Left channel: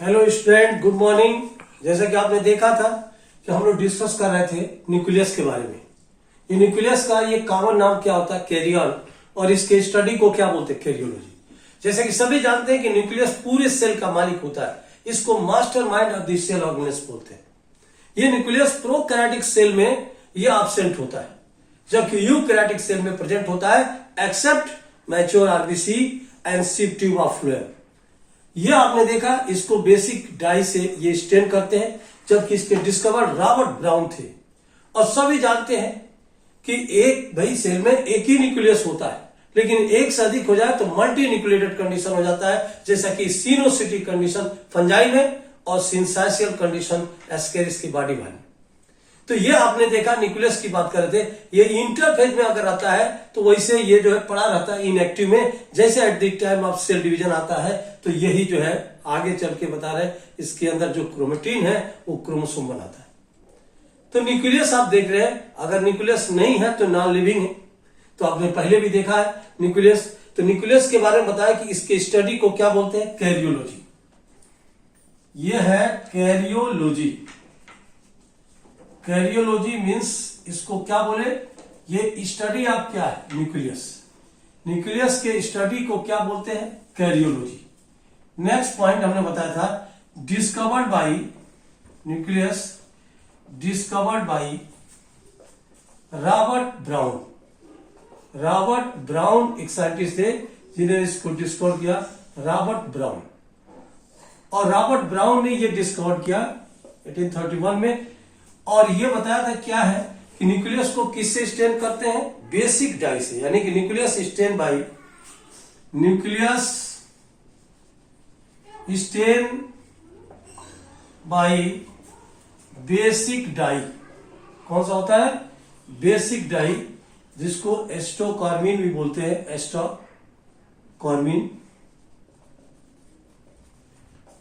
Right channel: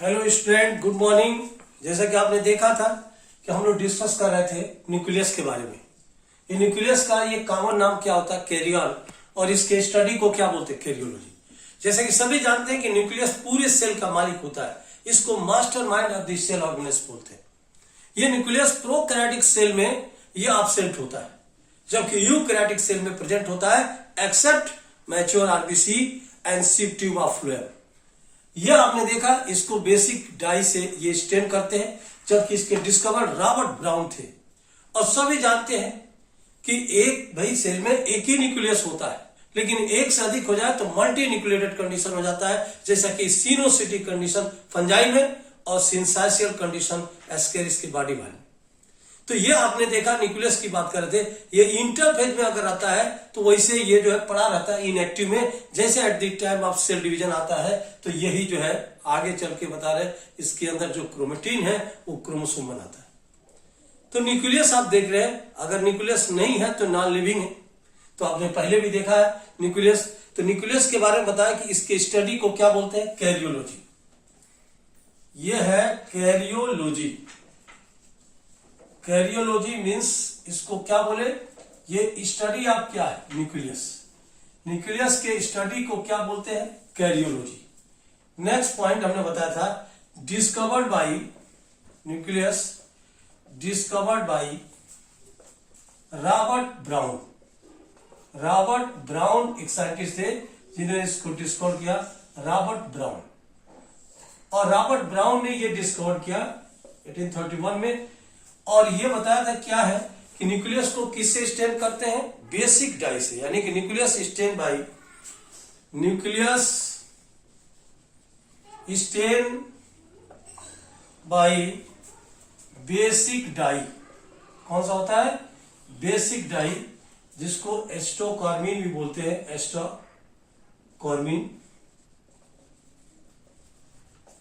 Hello student, good morning. जैसा कि आपने देखा था कि हम लोग डिस्कस कर रहे थे न्यूक्लियस के बारे में। ये न्यूक्लियस का ये कॉमन नाम क्या होता है? कैरियन। और इसके स्टडी को क्या बोलते हैं? कैरियोलॉजी। जैसे कि सभी जानते हैं कि न्यूक्लियस पूरे सेल का मालिक होता है। इसको master mind of the cell organise बोलते हैं। ये न्यूक्लियस प्रोकैरियोटिक सेल में ये एब्सेंट होता है, जबकि यूकैरियोटिक सेल में प्रेजेंट होता है, except mature RBC and sieve tube of phloem. ये आपने देखा, इसको बेसिक डाई से ये स्टेन करते हैं, जबकि इसके डिस्कवर रॉबर्ट ब्राउन थे। और सभी जानते हैं कि एक भाई सेल में एक ही न्यूक्लियस होता है, लेकिन एक से अधिक हो जाए तो मल्टी न्यूक्लिएटेड कंडीशन हो जाता है, जैसा कि सिनोसिटिक कंडीशन फंजाई में और सिंसाइशियल कंडीशन एस्केरिस की बॉडी में। तो ये आपने देखा, न्यूक्लियस की बात कर रहे थे, ये इंटरफेज में अगर आता है तो वैसे ये जो है पड़ा रहता है इनएक्टिव में। जैसे at the time of cell division आता है तो यही जो है आगे चल के बता रहे हैं, इसके अंदर जो क्रोमेटिन है वो क्रोमोसोम बनाता है। तो न्यूक्लियस आप देख रहे हैं, अगर न्यूक्लियस नहीं है तो नॉन लिविंग है। तो आपने पहले भी देखा है न्यूक्लियस। तो न्यूक्लियस के बारे में बताया कि इसके स्टडी को क्या बोलते हैं? कैरियोलॉजी। ये है कैरियोलॉजी। कैरियोलॉजी मीन्स इसको क्या बोले? ये स्टडी ऑफ क्या है? न्यूक्लियस। न्यूक्लियस के स्टडी को क्या बोलते हैं? कैरियोलॉजी। नेक्स्ट पॉइंट हमने बताया था, discovered by nucleus, discovered by Robert brown. Robert brown एक साइंटिस्ट थे जिन्होंने इसको डिस्कवर किया, रॉबर्ट ब्राउन। और रॉबर्ट ब्राउन ने ये डिस्कवर किया 1831 में। और ये बताया था क्या है कि न्यूक्लियस को किससे स्टेन करते हैं? बेसिक डाई से, यानी कि nucleus stain by nucleus stain by basic dye. कौन सा होता है? बेसिक डाई, जिसको एस्टोकॉर्मिन भी बोलते हैं, एस्टोकॉर्मिन,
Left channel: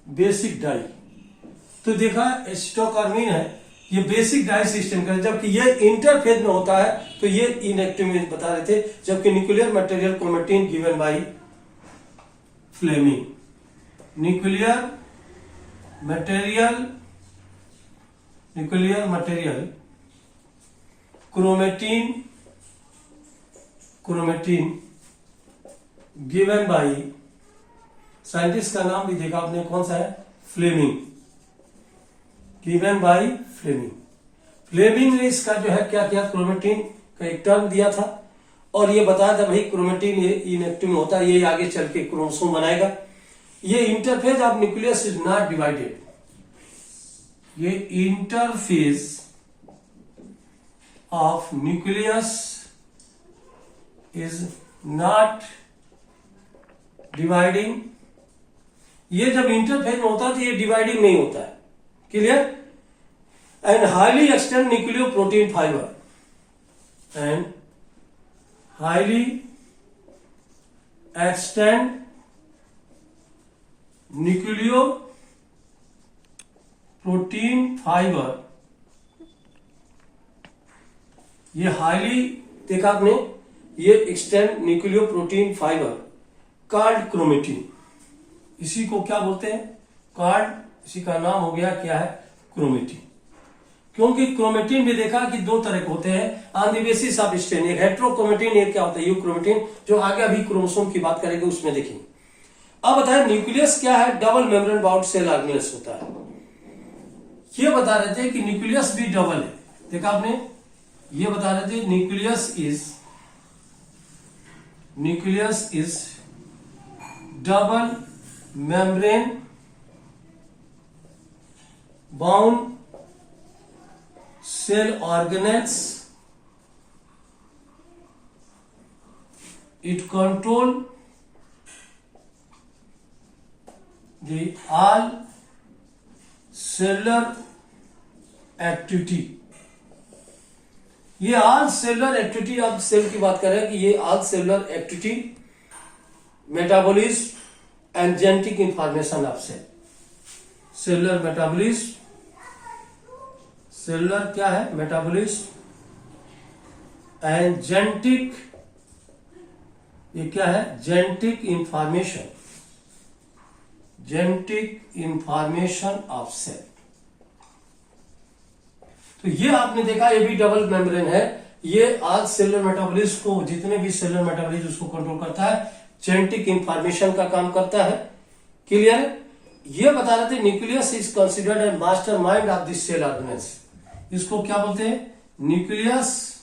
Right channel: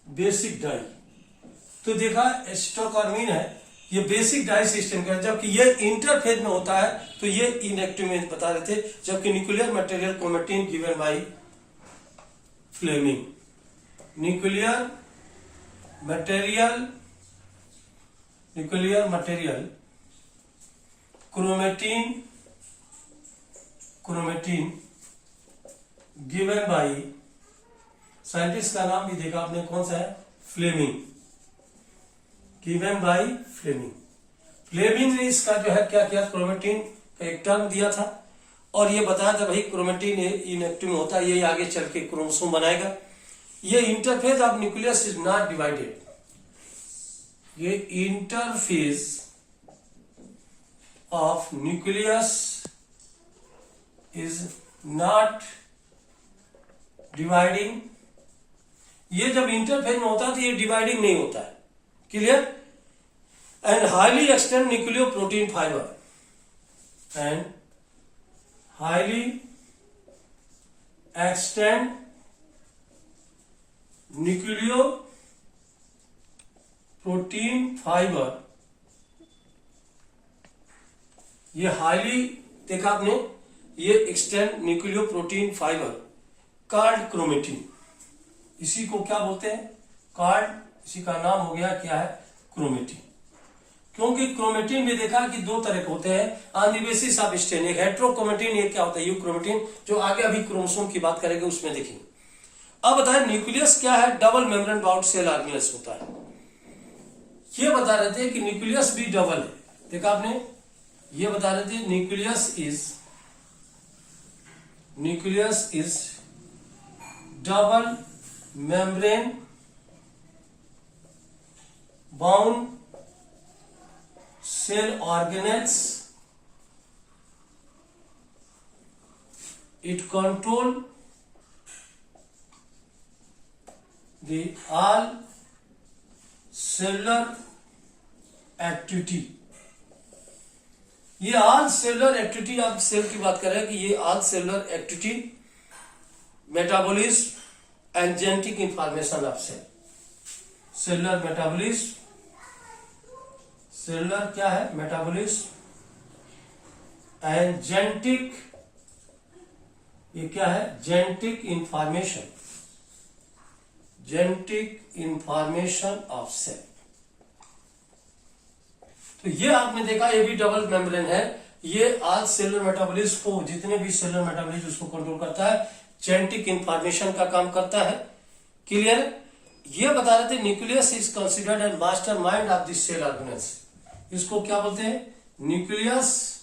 बेसिक डाई। तो देखा एस्टोकॉर्मिन है, ये बेसिक डाई से स्टेन कर, जबकि ये इंटरफेज में होता है तो ये इनएक्टिव में बता रहे थे। जबकि nuclear material chromatin given by Fleming. Nuclear material chromatin given by, scientist का नाम भी देखा आपने, कौन सा है? Fleming. Given by Fleming. Fleming ने इसका जो है क्या किया? क्रोमेटिन का एक टर्म दिया था और ये बताया था भाई क्रोमेटिन इनएक्टिव में होता है, ये आगे चल के क्रोमोसोम बनाएगा। ये interphase of nucleus is not divided. ये interphase of nucleus is not dividing. ये जब इंटरफेज में होता है तो ये डिवाइडिंग नहीं होता है। Clear? And highly extend nucleo protein fibre, and highly extend nucleo protein fibre. ये हाईली देखा आपने, ये extend nucleo protein fibre called chromatin. इसी को क्या बोलते हैं? कॉल्ड। इसी का नाम हो गया क्या है? क्रोमेटिन। क्योंकि क्रोमेटिन भी देखा कि दो तरह के होते हैं on the basis of stain. एक हेट्रोक्रोमेटिन, एक क्या होता है? यूक्रोमेटिन, जो आगे अभी क्रोमोसोम की बात करेंगे उसमें देखेंगे। अब बताएं न्यूक्लियस क्या है? Double membrane bound cell organelles होता है। ये बता रहे थे कि न्यूक्लियस भी डबल है। देखा आपने, ये बता रहे थे nucleus is double membrane bound cell organelles. It control the all cellular activity. ये all cellular activity, अब सेल की बात कर रहे हैं कि ये all cellular activity, metabolism and genetic information of cell. cellular metabolism, cellular क्या है? मेटाबॉलिज्म एंड जेनेटिक, ये क्या है? Genetic information, genetic information of cell. तो ये आपने देखा, ये भी डबल मेम्ब्रेन है। ये आज सेलुलर मेटाबॉलिज्म को, जितने भी सेलुलर मेटाबॉलिज्म उसको कंट्रोल करता है, जेनेटिक इंफॉर्मेशन का काम करता है। क्लियर? ये बता रहे थे nucleus is considered as master mind of the cell organelles. इसको क्या बोलते हैं? Nucleus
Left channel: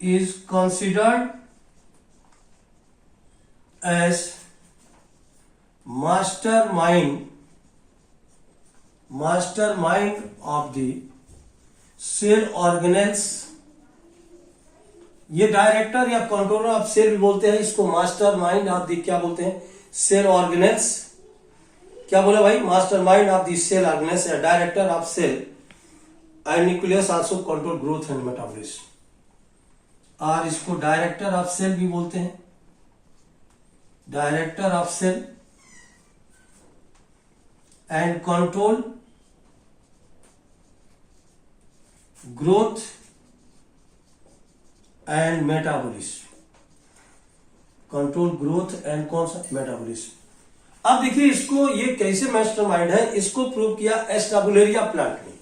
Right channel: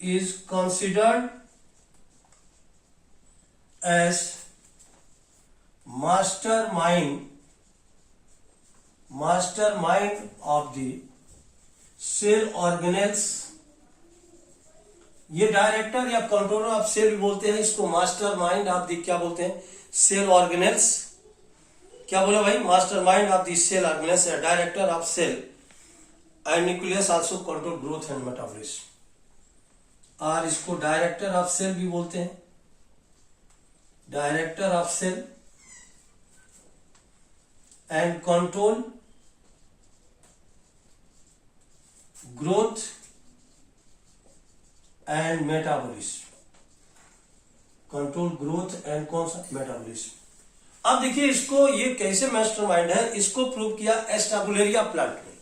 is considered as master mind of the cell organelles. ये डायरेक्टर या कंट्रोलर ऑफ सेल भी बोलते हैं इसको, मास्टर माइंड ऑफ द क्या बोलते हैं? Cell organelles. क्या बोले भाई? Master mind of the cell organelles या director of cell. And nucleus also control growth and metabolism. और इसको डायरेक्टर ऑफ सेल भी बोलते हैं, director of cell and control growth and metabolism. Control growth and कौन सा? मेटाबॉलिज्म। अब देखिए इसको, ये कैसे मास्टरमाइंड है, इसको प्रूव किया एस्टाबुलेरिया प्लांट में।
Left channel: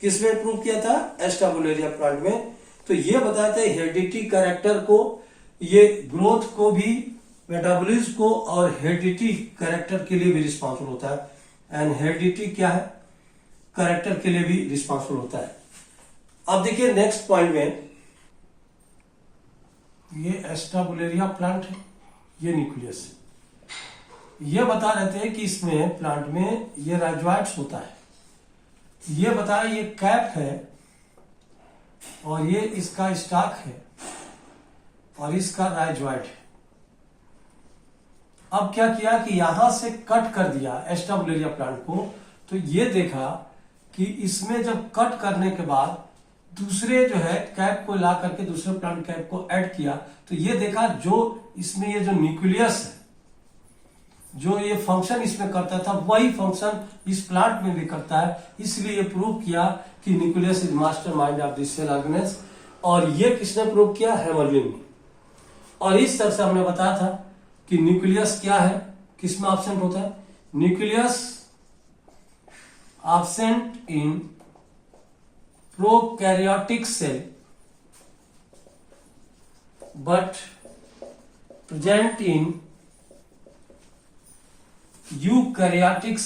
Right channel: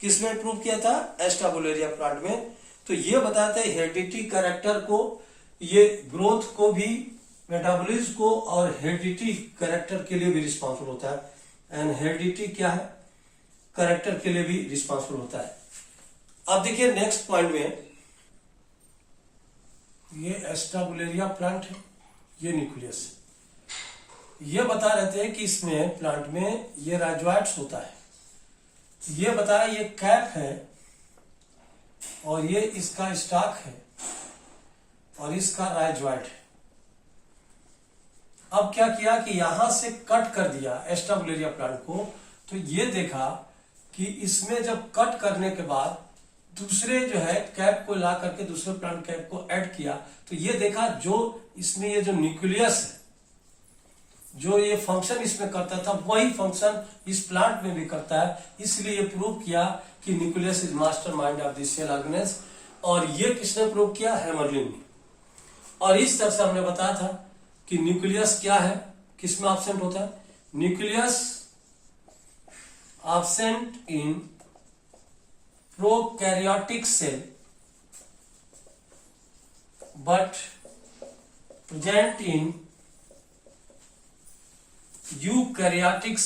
किसमें प्रूव किया था? एस्टाबुलेरिया प्लांट में। तो ये बताते हैं हेरिडिटी कैरेक्टर को, ये ग्रोथ को भी, मेटाबॉलिज्म को और हेरिडिटी कैरेक्टर के लिए भी रिस्पॉन्सिबल होता है। एंड हेरिडिटी क्या है? कैरेक्टर के लिए भी रिस्पॉन्सिबल होता है। अब देखिए नेक्स्ट पॉइंट में, ये एस्टाबुलेरिया प्लांट है, ये न्यूक्लियस। ये बता रहे थे कि इसमें प्लांट में ये राइजोइड्स होता है। ये बताया ये कैप है और ये इसका स्टॉक है और इसका राइजोइड है। अब क्या किया कि यहां से कट कर दिया एस्टाबुलेरिया प्लांट को। तो ये देखा कि इसमें जब कट करने के बाद दूसरे जो है कैप को ला करके दूसरे प्लांट कैप को ऐड किया, तो ये देखा जो इसमें ये जो न्यूक्लियस है, जो ये फंक्शन इसमें करता था, वही फंक्शन इस प्लांट में भी करता है। इसलिए ये प्रूव किया कि nucleus is master mind of the cell organelles. और ये किसने प्रूव किया? हैमरलिन ने। और इस तरह से हमने बताया था कि न्यूक्लियस क्या है, किसमें एब्सेंट होता है? Nucleus absent in prokaryotic cell but present in eukaryotic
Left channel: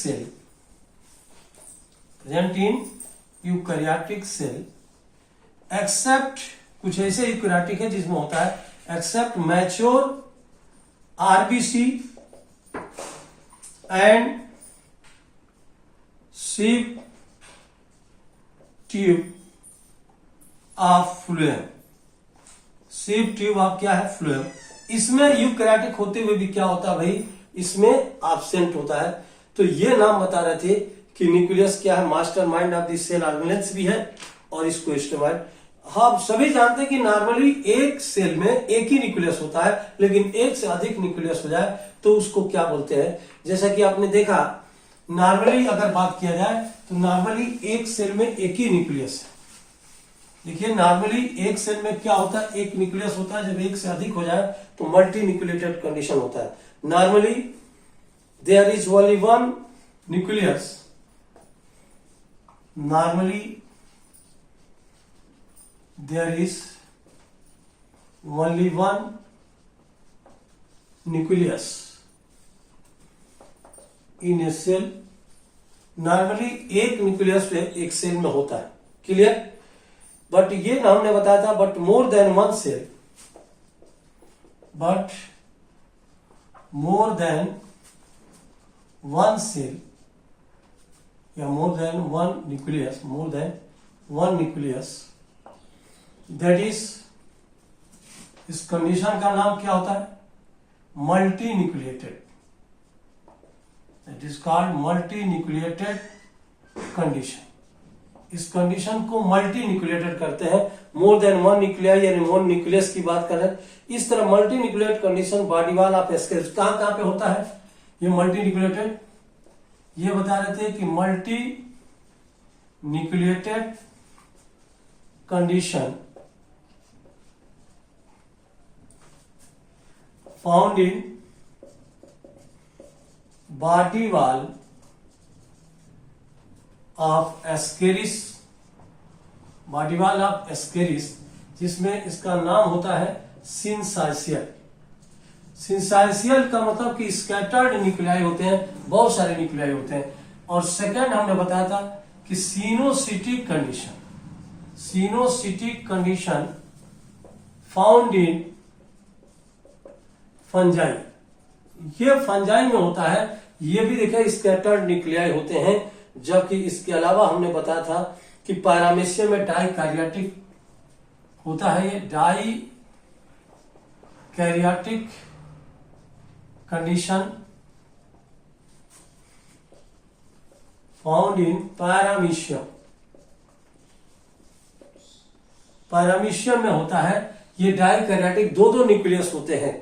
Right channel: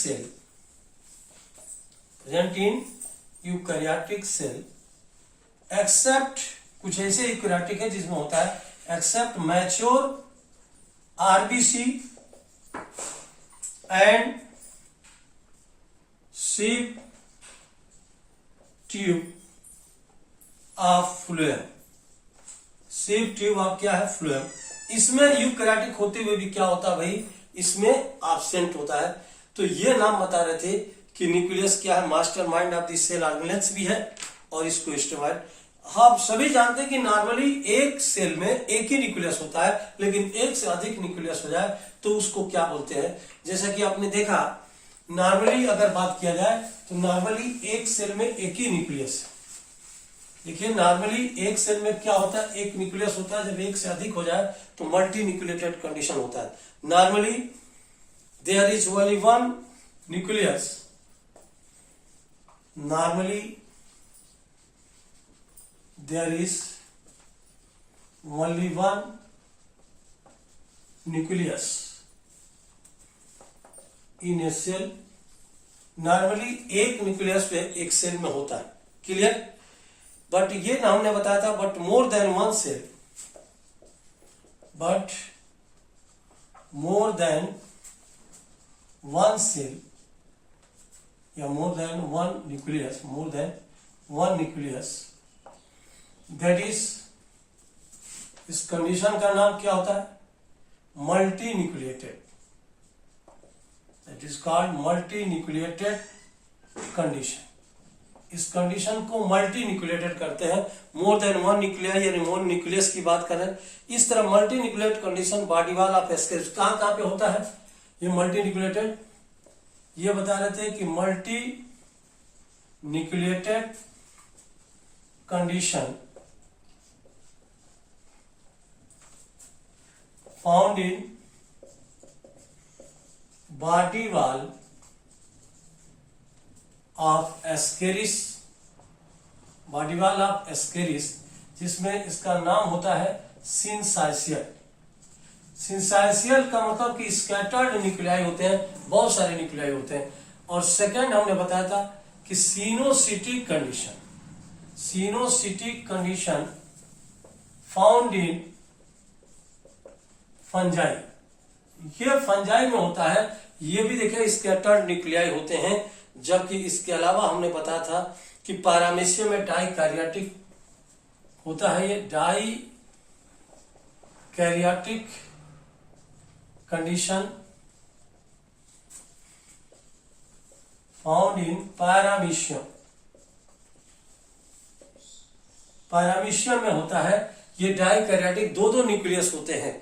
cell, except कुछ ऐसे यूकैरियोटिक है जिसमें होता है except mature RBC and sieve tube of phloem. Sieve tube of क्या है? फ्लूएम। इसमें यूकैरियोटिक होते हुए भी क्या होता है भाई? इसमें एब्सेंट होता है। तो ये नाम बता रहे थे कि न्यूक्लियस क्या है? Master mind of the cell organelles भी है और इसको एस्टाबुलेरिया। हम सभी जानते हैं कि नॉर्मली एक सेल में एक ही न्यूक्लियस होता है, लेकिन एक से अधिक न्यूक्लियस हो जाए तो उसको क्या बोलते हैं? जैसा कि आपने देखा, नॉर्मली अगर बात किया जाए तो नॉर्मली एक सेल में एक ही न्यूक्लियस। देखिए नॉर्मली एक सेल में क्या होता है? एक न्यूक्लियस होता है। जब एक से अधिक हो जाए तो मल्टी न्यूक्लिएटेड कंडीशन होता है। Normally there is only one nucleus. Normally there is only one nucleus in a cell. Normally एक न्यूक्लियस पे एक सेल में होता है। क्लियर? बट ये हमने बताया था, but more than one cell, but more than one cell या more than one nucleus, more than one nucleus, that is, इस कंडीशन का नाम क्या होता है? Multinucleated. It is called multinucleated condition. इस कंडीशन को मल्टी न्यूक्लिएटेड करते हैं। मोर देन वन न्यूक्लियाई यानी वन न्यूक्लियस की बात कर रहे हैं। इस तरह multinucleated condition body wall of Ascaris कहां पे होता है? ये मल्टी न्यूक्लिएटेड, ये बता रहे थे कि multi nucleated condition found in body wall of Ascaris, body wall of Ascaris, जिसमें इसका नाम होता है सिंसाइशियल। सिंसाइशियल का मतलब कि स्कैटर्ड न्यूक्लियाई होते हैं, बहुत सारे न्यूक्लियाई होते हैं। और सेकंड हमने बताया था कि coenocytic condition, coenocytic condition found in fungi, ये फंजाई में होता है। ये भी देखिए स्कैटर्ड न्यूक्लियाई होते हैं। जबकि इसके अलावा हमने बताया था कि पैरामीशियम में डाई कैरियोटिक होता है, ये dikaryotic condition found in paramecium, paramecium में होता है। ये डाई कैरियोटिक दो दो न्यूक्लियस होते हैं।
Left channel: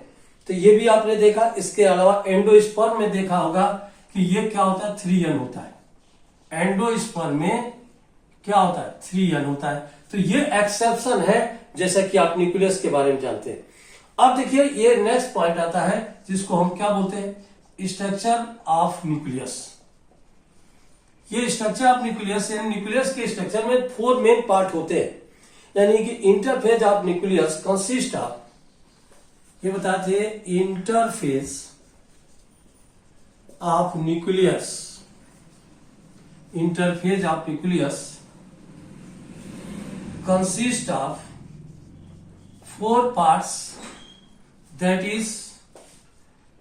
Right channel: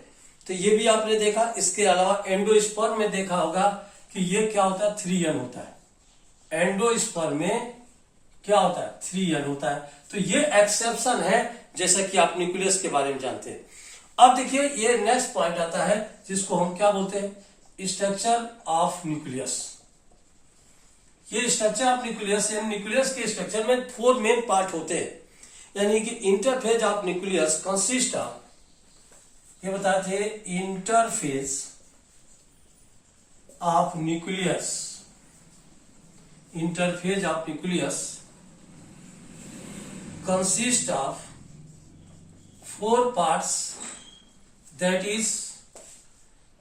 तो ये भी आपने देखा। इसके अलावा एंडोस्पर्म में देखा होगा कि ये क्या होता है, 3n होता है। एंडोस्पर्म में क्या होता है, 3n होता है। तो ये एक्सेप्शन है, जैसा कि आप न्यूक्लियस के बारे में जानते हैं। अब देखिए ये नेक्स्ट पॉइंट आता है जिसको हम क्या बोलते हैं, स्ट्रक्चर ऑफ न्यूक्लियस। ये स्ट्रक्चर ऑफ न्यूक्लियस, यानी न्यूक्लियस के स्ट्रक्चर में 4 मेन पार्ट होते हैं। यानी कि interphase of nucleus consist of, ये बताते हैं, interphase of nucleus, interphase of nucleus consist of 4 parts, that is,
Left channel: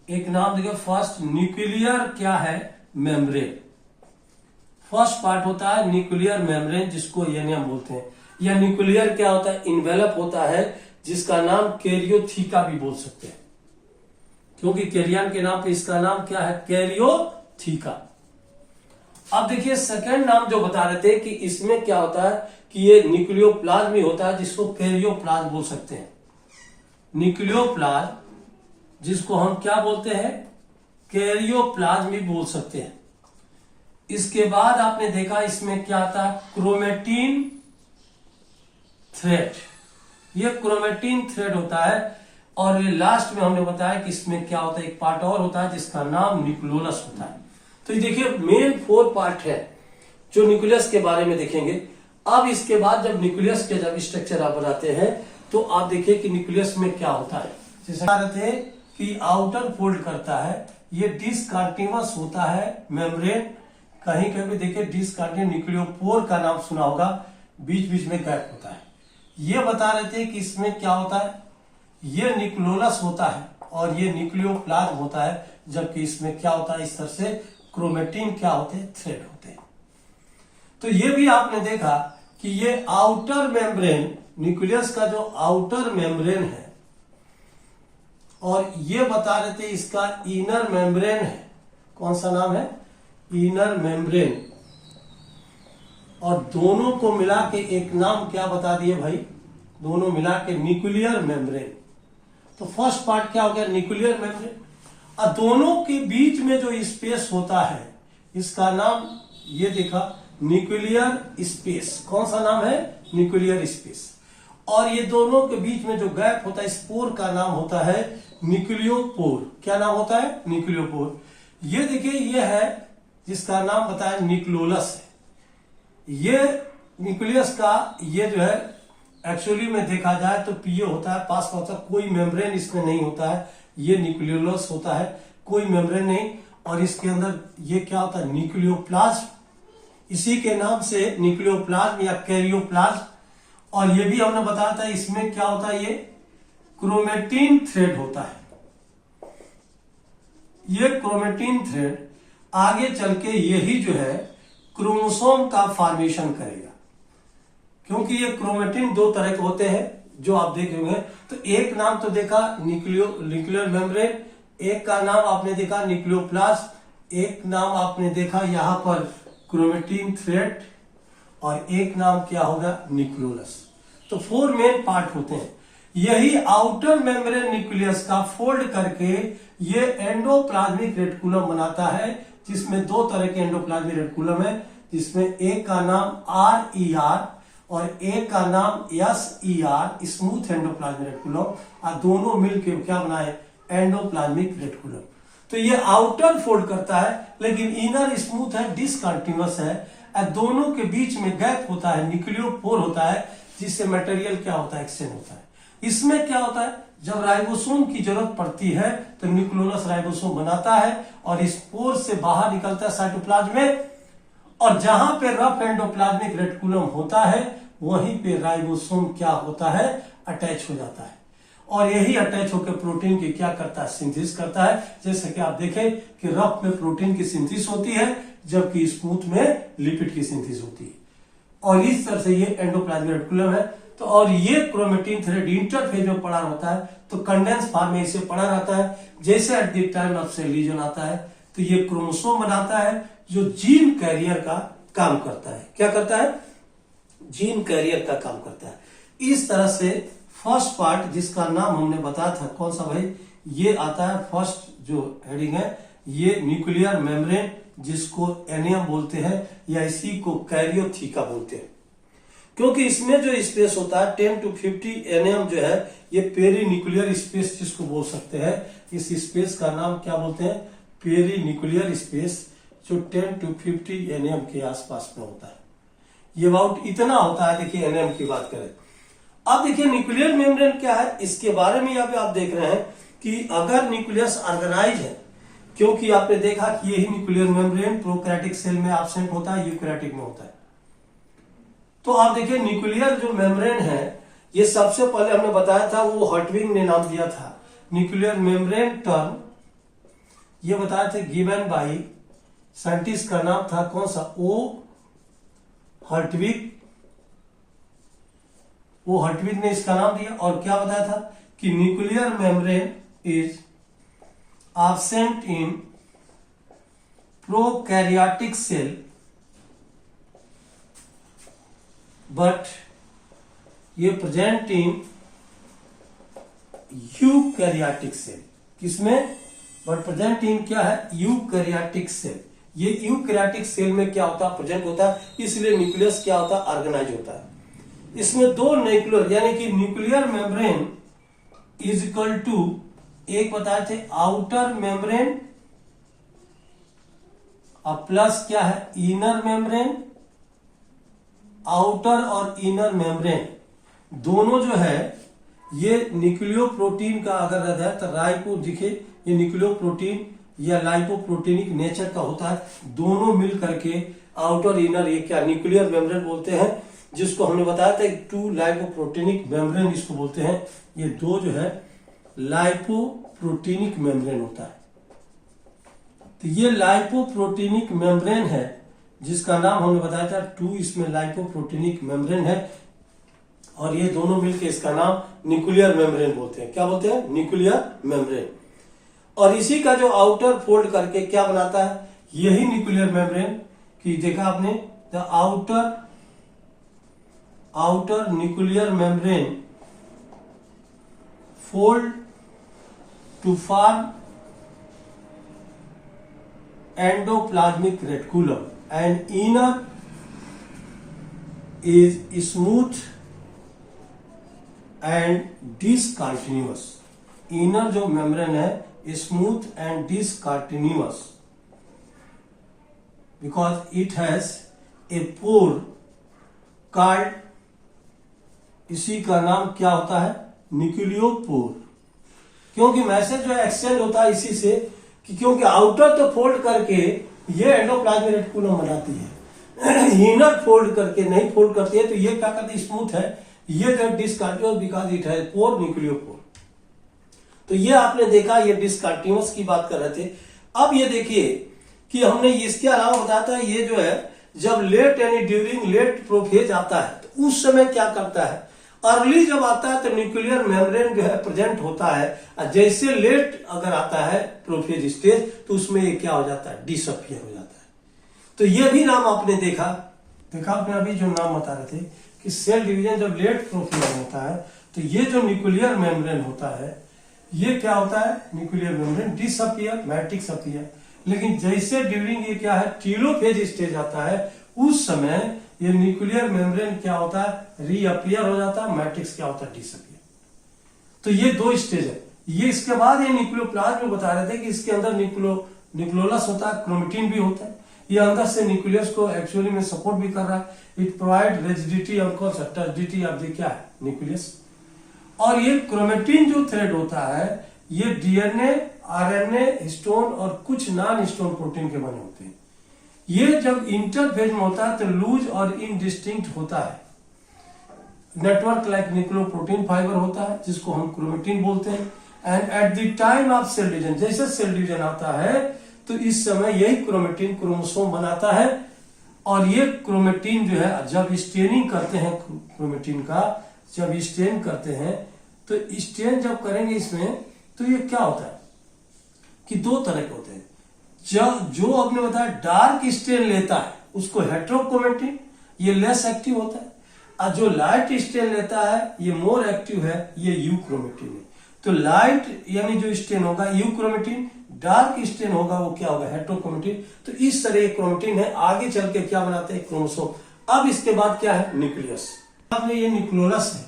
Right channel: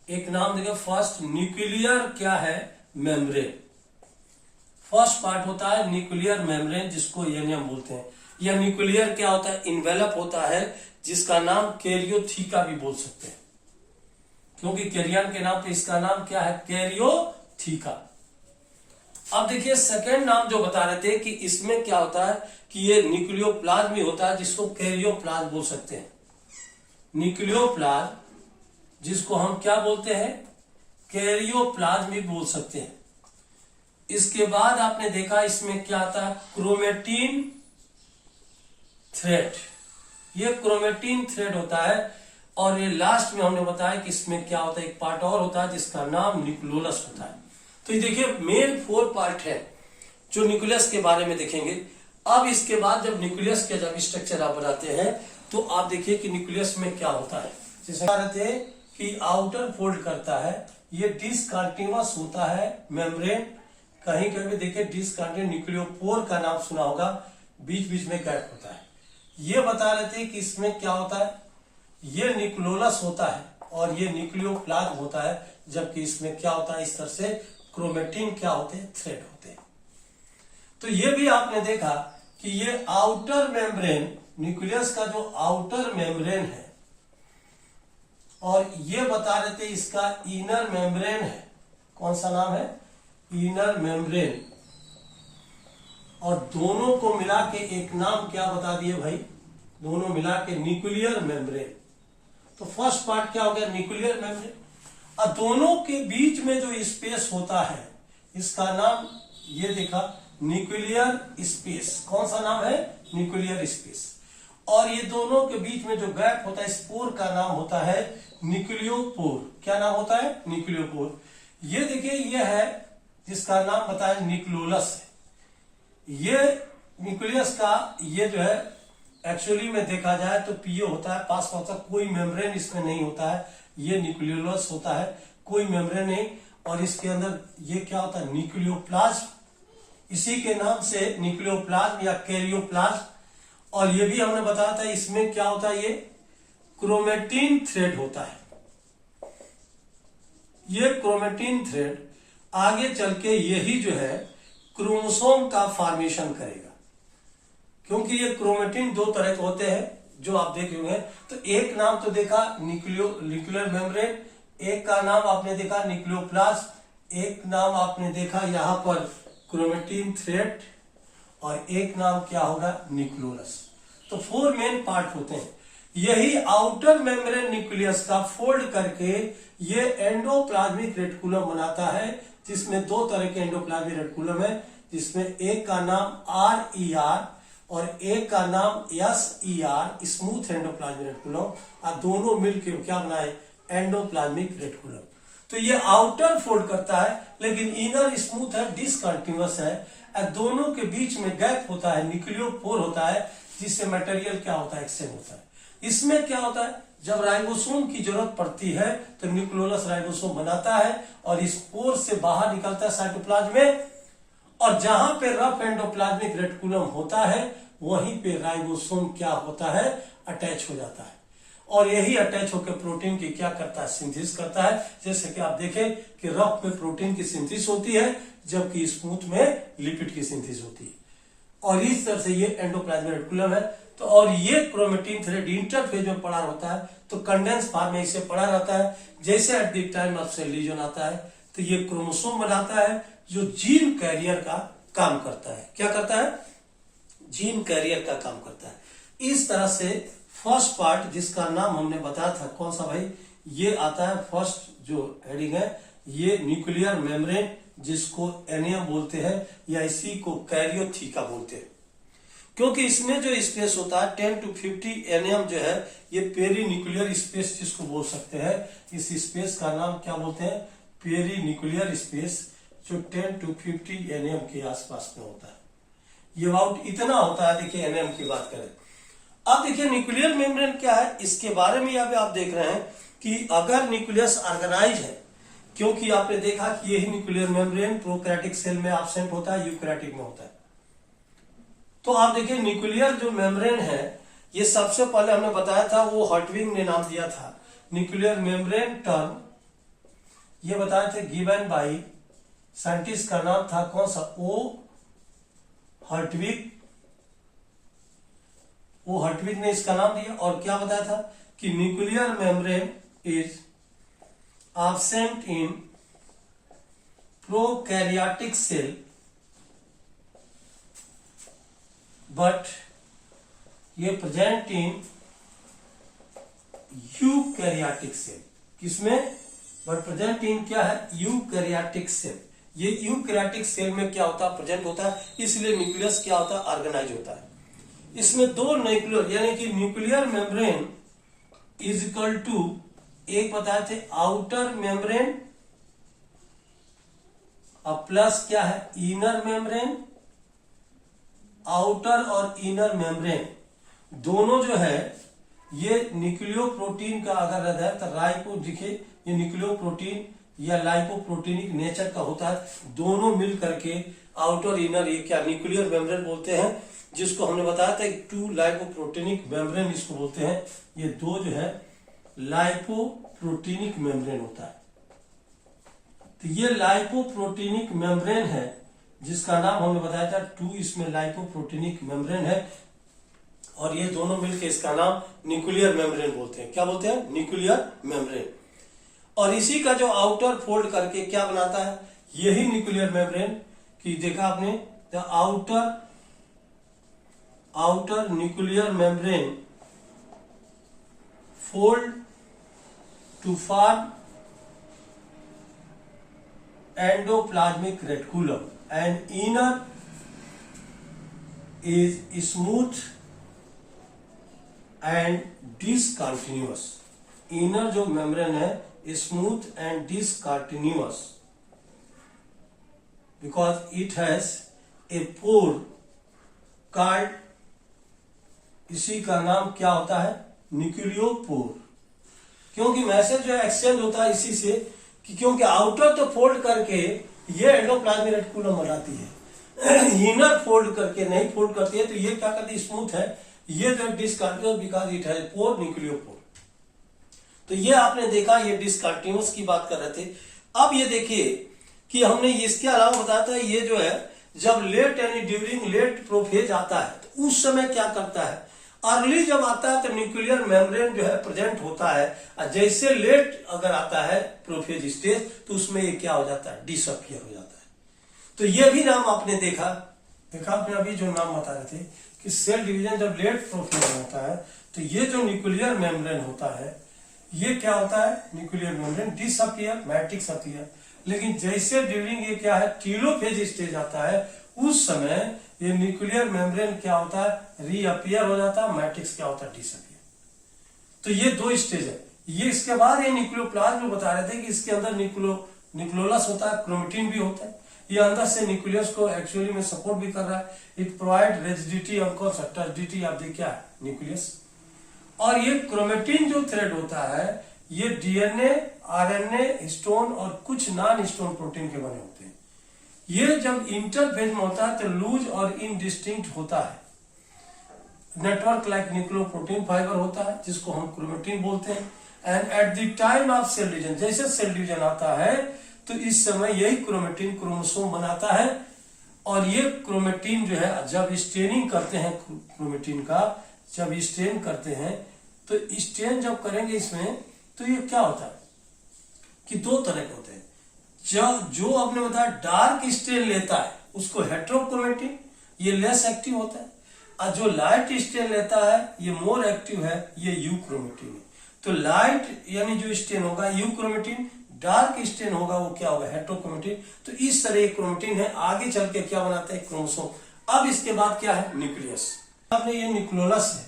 एक नाम देखिए फर्स्ट, न्यूक्लियर क्या है, मेम्ब्रेन। फर्स्ट पार्ट होता है न्यूक्लियर मेम्ब्रेन, जिसको यानी हम बोलते हैं। यह न्यूक्लियर क्या होता है, इन्वेलप होता है, जिसका नाम कैरियोथीका भी बोल सकते हैं, क्योंकि कैरियन के नाम पे इसका नाम क्या है, कैरियोथीका। अब देखिए सेकेंड नाम जो बता रहे थे कि इसमें क्या होता है कि ये न्यूक्लियोप्लाज्म होता है, जिसको कैरियोप्लाज्म बोल सकते हैं। न्यूक्लियोप्लाज्म, जिसको हम क्या बोलते हैं, कैरियोप्लाज्म भी बोल सकते हैं। इसके बाद आपने देखा इसमें क्या आता है, क्रोमेटिन थ्रेड। ये क्रोमेटिन थ्रेड होता है। और ये लास्ट में हमने बताया कि इसमें क्या होता है, एक पार्ट और होता है जिसका नाम न्यूक्लियोलस होता है। तो ये देखिए मेन 4 पार्ट है जो न्यूक्लियस के बारे में देखेंगे। अब इसके बाद जब न्यूक्लियस के जब स्ट्रक्चर आप बनाते हैं तो आप देखिए कि न्यूक्लियस में क्या होता है। जैसे थे कि आउटर फोल्ड करता है, ये डिसकंटिन्यूअस होता है मेम्ब्रेन। कहीं कहीं देखिए डिसकंटिन्यूअस, न्यूक्लियोपोर का नाम सुना होगा, बीच बीच में गैप होता है। ये बता रहे थे कि इसमें क्या होता है, ये न्यूक्लियोलस होता है और ये न्यूक्लियोप्लाज्म होता है। जबकि इसमें क्या होता है, इस तरह से क्रोमेटिन क्या होते हैं, थ्रेड होते हैं। तो ये भी आपने देखा कि ये आउटर मेम्ब्रेन, न्यूक्लियस का जो आउटर मेम्ब्रेन है, और ये बता रहे थे इसका इनर मेम्ब्रेन है। कौन सा नाम है, इनर मेम्ब्रेन। और दोनों को मिला के एक नाम क्या बता दिए भाई, दोनों मिला के न्यूक्लियर मेम्ब्रेन। तो फर्स्ट पार्ट क्या हो गया, न्यूक्लियर मेम्ब्रेन। और दोनों के बीच में जो स्पेस होता है इसका नाम ये देखा, न्यूक्लियर स्पेस। कौन सा नाम है, न्यूक्लियर स्पेस। और ये दोनों के बीच में जो गैप होता है, इस पोर का नाम होता है न्यूक्लियोपोर। क्या नाम होता है, न्यूक्लियोपोर। ये देखिए ये है जिसका नाम बताया न्यूक्लियोलस है। ये न्यूक्लियस का ये जो है एक्चुअली में देखा जाए तो पीओ होता है, पास में होता है, कोई मेम्ब्रेन इसमें नहीं होता है। ये न्यूक्लियोलस होता है, कोई मेम्ब्रेन नहीं। और इसके अंदर ये क्या होता है, न्यूक्लियोप्लाज्म, इसी के नाम से न्यूक्लियोप्लाज्म या कैरियोप्लाज्म। और ये भी हमने बताया था इसमें क्या होता है, ये क्रोमेटिन थ्रेड होता है। ये क्रोमेटिन थ्रेड आगे चल के यही जो है क्रोमोसोम का फॉर्मेशन करेगा, क्योंकि ये क्रोमेटिन 2 तरह के होते हैं जो आप देख रहे हैं। तो एक नाम तो देखा न्यूक्लियर मेम्ब्रेन, एक का नाम आपने देखा न्यूक्लियोप्लाज्म, एक नाम आपने देखा यहां पर क्रोमेटिन थ्रेड, और एक नाम क्या होगा, न्यूक्लियोलस। तो 4 मेन पार्ट होते हैं। यही आउटर मेम्ब्रेन न्यूक्लियस का फोल्ड करके ये एंडोप्लाज्मिक रेटिकुलम बनाता है, जिसमें 2 तरह के एंडोप्लाज्मिक रेटिकुलम है, जिसमें एक का नाम RER और एक का नाम SER, स्मूथ एंडोप्लाज्मिक रेटिकुलम। और दोनों मिलकर क्या बनाए, एंडोप्लाज्मिक रेटिकुलम। तो ये आउटर फोल्ड करता है, लेकिन इनर स्मूथ है, डिसकंटिन्यूअस है, और दोनों के बीच में गैप होता है, न्यूक्लियोपोर होता है, जिससे मटेरियल क्या होता है, एक्सचेंज होता है। इसमें क्या होता है, जब राइबोसोम की जरूरत पड़ती है तो न्यूक्लियोलस राइबोसोम बनाता है और इस पोर से बाहर निकलता है साइटोप्लाज्म में, और जहां पे रफ एंडोप्लाज्मिक रेटिकुलम होता है वहीं पे राइबोसोम क्या होता है, अटैच हो जाता है, और यही अटैच होकर प्रोटीन की क्या करता है, सिंथेसिस करता है। जैसे कि आप देखें कि रफ में प्रोटीन की सिंथेसिस होती है, जबकि स्मूथ में लिपिड की सिंथेसिस होती है, और इस तरह से ये एंडोप्लाज्मिक रेटिकुलम है। तो और ये क्रोमेटिन थ्रेड इंटरफेज में पड़ा रहता है, तो कंडेंस फॉर्म में इसे पड़ा रहता है। जैसे at the time of cell division आता है तो ये क्रोमोसोम बनाता है जो जीन कैरियर का काम करता है। क्या करता है, जीन कैरियर का काम करता है। इस तरह से फर्स्ट पार्ट जिसका नाम हमने बताया था, कौन सा भाई, ये आता है फर्स्ट जो हेडिंग है, ये न्यूक्लियर मेम्ब्रेन, जिसको एनियम बोलते हैं या इसी को कैरियोथीका बोलते हैं, क्योंकि इसमें जो स्पेस होता है 10 to 50 एनएम जो है, ये पेरी न्यूक्लियर स्पेस जिसको बोल सकते हैं। इस स्पेस का नाम क्या बोलते हैं, पेरी न्यूक्लियर स्पेस, जो 10 to 50 एनएम के आसपास में होता है। ये अबाउट इतना होता है। देखिए एनएम की बात करें, अब देखिए न्यूक्लियर मेम्ब्रेन क्या है, इसके बारे में अभी आप देख रहे हैं कि अगर न्यूक्लियस ऑर्गेनाइज है, क्योंकि आपने देखा कि यही न्यूक्लियर मेम्ब्रेन प्रोकैरियोटिक सेल में एब्सेंट होता है, यूकैरियोटिक में होता है। तो आप देखिए न्यूक्लियर जो मेम्ब्रेन है, ये सबसे पहले हमने बताया था, वो हर्टविग ने नाम दिया था न्यूक्लियर मेम्ब्रेन टर्म, ये बताया थे गिवन बाय साइंटिस्ट का नाम था कौन सा, ओ हर्टविग ने इसका नाम दिया। और क्या बताया था कि nuclear membrane is absent in prokaryotic cell but ये प्रेजेंट इन यूकैरियोटिक सेल। किसमें, बट प्रेजेंट इन क्या है, यूकैरियोटिक सेल। ये यूकैरियोटिक सेल में क्या होता है, प्रेजेंट होता है, इसलिए न्यूक्लियस क्या होता है, ऑर्गेनाइज होता है। इसमें दो न्यूक्लियर यानी कि nuclear membrane is equal to, एक बताए थे आउटर मेम्ब्रेन और प्लस क्या है, इनर मेम्ब्रेन। आउटर और इनर मेम्ब्रेन दोनों जो है ये न्यूक्लियोप्रोटीन का अगर रहता है तो राइबो, दिखे ये न्यूक्लियोप्रोटीन या लाइपोप्रोटीनिक नेचर का होता है। दोनों मिल करके आउटर इनर ये क्या न्यूक्लियर मेम्ब्रेन बोलते हैं, जिसको हमने बताया था टू लाइपोप्रोटीनिक मेम्ब्रेन इसको बोलते हैं। ये दो जो है लाइपोप्रोटीनिक मेम्ब्रेन होता है। तो ये लाइपोप्रोटीनिक मेम्ब्रेन है जिसका नाम हमने बताया था टू, इसमें लाइपोप्रोटीनिक मेम्ब्रेन है, और ये दोनों मिलकर इसका नाम न्यूक्लियर मेम्ब्रेन बोलते हैं। क्या बोलते हैं, न्यूक्लियर मेम्ब्रेन। और इसी का जो आउटर फोल्ड करके क्या बनाता है, यही न्यूक्लियर मेम्ब्रेन की देखा आपने, the outer nuclear membrane fold to form endoplasmic reticulum and inner is smooth and discontinuous। inner जो मेम्ब्रेन है smooth and discontinuous because it has a pore called, इसी का नाम क्या होता है, न्यूक्लियोपोर। क्योंकि मैसेज जो एक्सचेंज होता है इसी से, कि क्योंकि आउटर तो फोल्ड करके ये एंडोप्लाज्मिक रेटिकुलम बनाती है, इनर फोल्ड करके नहीं फोल्ड करती है, तो ये क्या करती है, स्मूथ है, ये जो डिसकंटिन्यूअस बिकॉज इट है पोर, न्यूक्लियोपोर। तो ये आपने देखा, ये डिसकंटिन्यूअस की बात कर रहे थे। अब ये देखिए कि हमने इसके अलावा बताया था, ये जो है जब लेट यानी ड्यूरिंग लेट प्रोफेज आता है तो उस समय क्या करता है, अर्ली जब आता है तो न्यूक्लियर मेम्ब्रेन जो है प्रेजेंट होता है, और जैसे लेट अगर आता है प्रोफेज स्टेज तो उसमें ये क्या हो जाता है, डिसअपियर हो जाता है। तो ये भी नाम आपने देखा आपने अभी जो नाम बता रहे थे कि सेल डिवीजन जब लेट प्रोफेज होता है तो ये जो न्यूक्लियर मेम्ब्रेन होता है ये क्या होता है, nuclear membrane disappear, matrix appear. लेकिन जैसे ड्यूरिंग ये क्या है टीलोफेज स्टेज आता है, उस समय ये न्यूक्लियर मेम्ब्रेन क्या होता है, रीअपियर हो जाता है, मैट्रिक्स क्या होता है, डिसअपियर। तो ये दो स्टेज है, ये इसके बाद ये न्यूक्लियोप्लाज्म में बता रहे थे कि इसके अंदर न्यूक्लियोलस होता है, क्रोमेटिन भी होता है। ये अंदर से न्यूक्लियस को एक्चुअली में सपोर्ट भी कर रहा है। इट प्रोवाइड रिजिडिटी और टर्जिडिटी ऑफ द क्या है, न्यूक्लियस। और ये क्रोमेटिन जो थ्रेड होता है ये डीएनए, आरएनए, हिस्टोन और कुछ नॉन हिस्टोन प्रोटीन के बने होते हैं। ये जब इंटरफेज में होता है तो लूज और इनडिस्टिंक्ट होता है। नेटवर्क लाइक न्यूक्लियोप्रोटीन फाइबर होता है जिसको हम क्रोमेटिन बोलते हैं। And at the time of cell division, जैसे सेल डिवीजन आता है तो इस समय यही क्रोमेटिन क्रोमोसोम बनाता है। और ये क्रोमेटिन जो है जब स्टेनिंग करते हैं क्रोमेटिन का, जब स्टेन करते हैं तो स्टेन जब करेंगे इसमें तो ये क्या होता है कि दो तरह के होते हैं। जो आपने बताया डार्क स्टेन लेता है उसको हेटेरोक्रोमेटिन, ये लेस एक्टिव होता है। और जो लाइट स्टेन लेता है ये मोर एक्टिव है, ये यूक्रोमेटिन है। तो लाइट यानी जो स्टेन होगा यूक्रोमेटिन, डार्क स्टेन होगा वो क्या होगा, हेटेरोक्रोमेटिन। तो इस तरह क्रोमेटिन है, आगे चल के क्या बनाते हैं, क्रोमोसोम। अब इसके बाद क्या है, न्यूक्लियस। अब ये न्यूक्लियोलस है।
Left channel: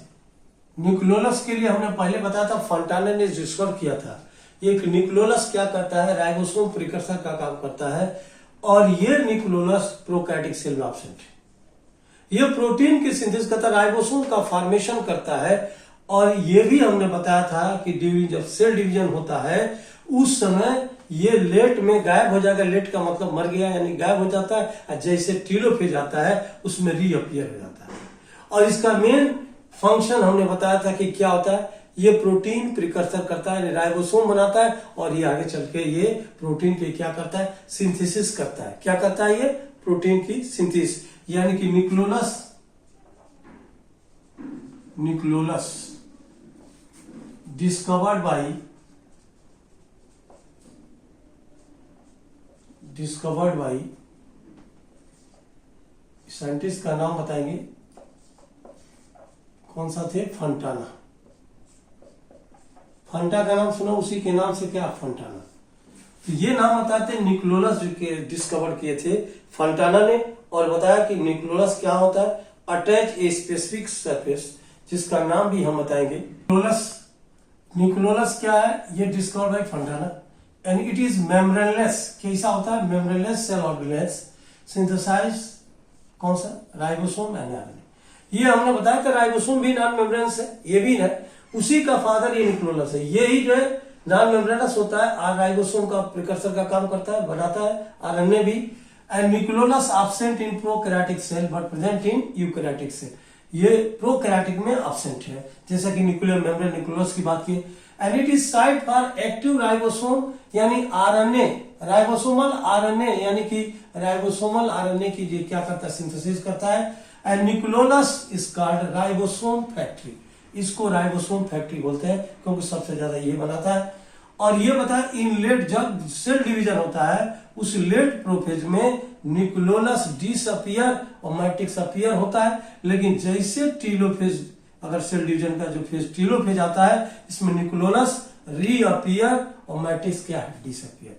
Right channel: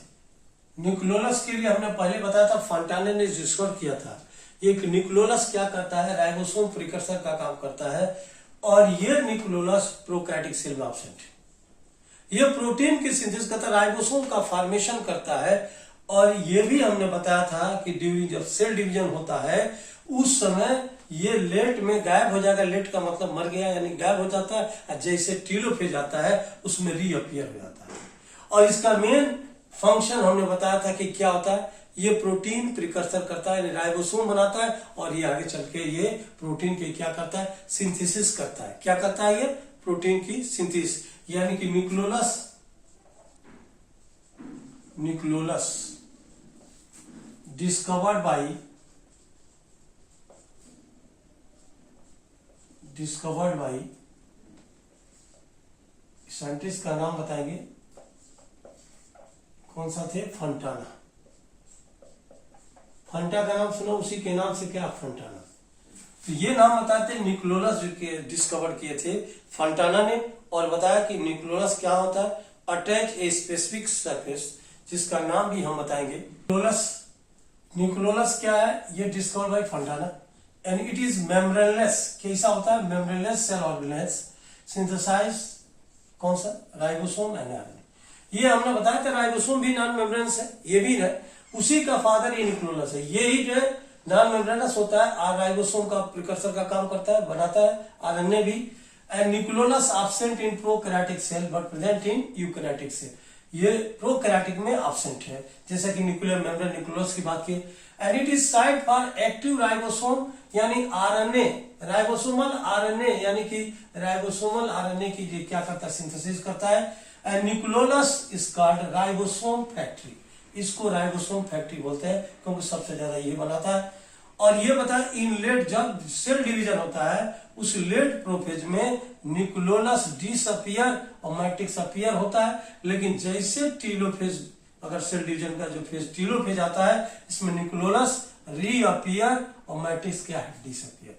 न्यूक्लियोलस के लिए हमने पहले बताया था, फॉन्टाना ने डिस्कवर किया था। एक न्यूक्लियोलस क्या करता है, राइबोसोम प्रिकर्सर का काम करता है। और ये न्यूक्लियोलस प्रोकैरियोटिक सेल में एब्सेंट है। ये प्रोटीन की सिंथेसिस करता है, राइबोसोम का फॉर्मेशन करता है। और ये भी हमने बताया था कि ड्यूरिंग जब सेल डिवीजन होता है उस समय ये लेट में गायब हो जाएगा। लेट का मतलब मर गया यानी गायब हो जाता है। और जैसे टीलोफेज आता है उसमें रीअपियर हो जाता है। और इसका मेन फंक्शन हमने बताया था कि क्या होता है, ये प्रोटीन प्रिकर्सर करता है, राइबोसोम बनाता है। और ये आगे चल के ये प्रोटीन के क्या करता है, सिंथेसिस करता है। क्या करता है, ये प्रोटीन की सिंथेसिस, यानी कि न्यूक्लियोलस डिस्कवर्ड बाई साइंटिस्ट का नाम बताएंगे, कौन सा थे, फंटाना। फंटा का नाम सुना, उसी के नाम से क्या, फंटाना। तो ये नाम बताते हैं न्यूक्लियोलस डिस्कवर किए थे फंटाना ने। और बताया कि न्यूक्लियोलस क्या होता है, अटैच ए स्पेसिफिक सरफेस, जिसका नाम भी हम बताएंगे। न्यूक्लियोलस क्या है, ये discover by Fontana. And it is membraneless. कैसा होता है, मेम्ब्रेनलेस सेल ऑर्गेनेल्स सिंथेसाइज, कौन सा, राइबोसोम एंड आरएनए। ये हमने बताया कि राइबोसोम भी नॉन मेम्ब्रेनस है, ये भी है, उसी का फादर ये न्यूक्लियोलस है। ये ही जो है नॉन मेम्ब्रेनस होता है, और राइबोसोम का प्रिकर्सर का काम करता है, बनाता है, आरएनए भी। And nucleolus absent in prokaryotic cell but present in eukaryotic cell. ये प्रोकैरियोटिक में एब्सेंट है, जैसा कि न्यूक्लियर मेम्ब्रेन न्यूक्लियोलस की बात की। And it is site for active ribosome यानी आरएनए, राइबोसोमल आरएनए यानी कि राइबोसोमल आरएनए की क्या करता है, सिंथेसिस करता है। And nucleolus is called ribosome factory. इसको राइबोसोम फैक्ट्री बोलते हैं क्योंकि सबसे ज्यादा ये बनाता है। और ये बताया इन लेट जब सेल डिवीजन होता है उस लेट प्रोफेज में न्यूक्लियोलस डिसअपियर और मैट्रिक्स अपीयर होता है। लेकिन जैसे टीलोफेज, अगर सेल डिवीजन का जो फेज टीलोफेज आता है, इसमें न्यूक्लियोलस रीअपियर और मैट्रिक्स क्या है, डिसअपियर।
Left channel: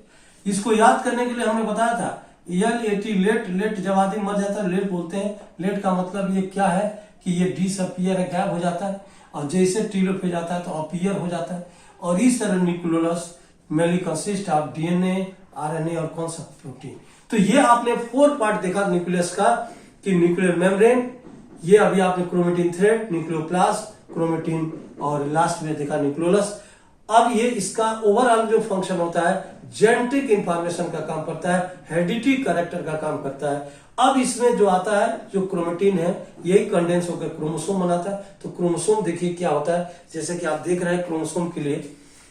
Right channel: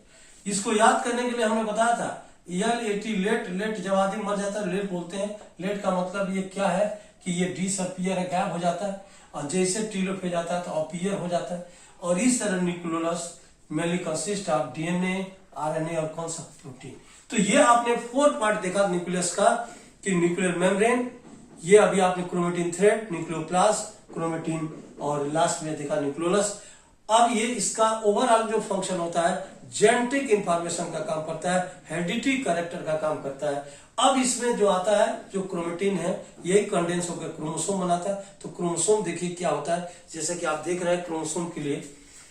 इसको याद करने के लिए हमने बताया था LAT लेट। लेट जब आदमी मर जाता है लेट बोलते हैं। लेट का मतलब ये क्या है कि ये डिसअपियर है, गायब हो जाता है। और जैसे टीलोफेज आता है तो अपीयर हो जाता है। और इस तरह nucleolus mainly consist of DNA, RNA और कौन सा, प्रोटीन। तो ये आपने 4 पार्ट देखा न्यूक्लियस का, कि न्यूक्लियर मेम्ब्रेन, ये अभी आपने क्रोमेटिन थ्रेड, न्यूक्लियोप्लास्ट, क्रोमेटिन, और लास्ट में देखा न्यूक्लियोलस। अब ये इसका ओवरऑल जो फंक्शन होता है, जेनेटिक इंफॉर्मेशन का काम करता है, हेरिडिटी कैरेक्टर का काम करता है। अब इसमें जो आता है, जो क्रोमेटिन है, यही कंडेंस होकर क्रोमोसोम बनाता है। तो क्रोमोसोम देखिए क्या होता है, जैसे कि आप देख रहे हैं क्रोमोसोम के लिए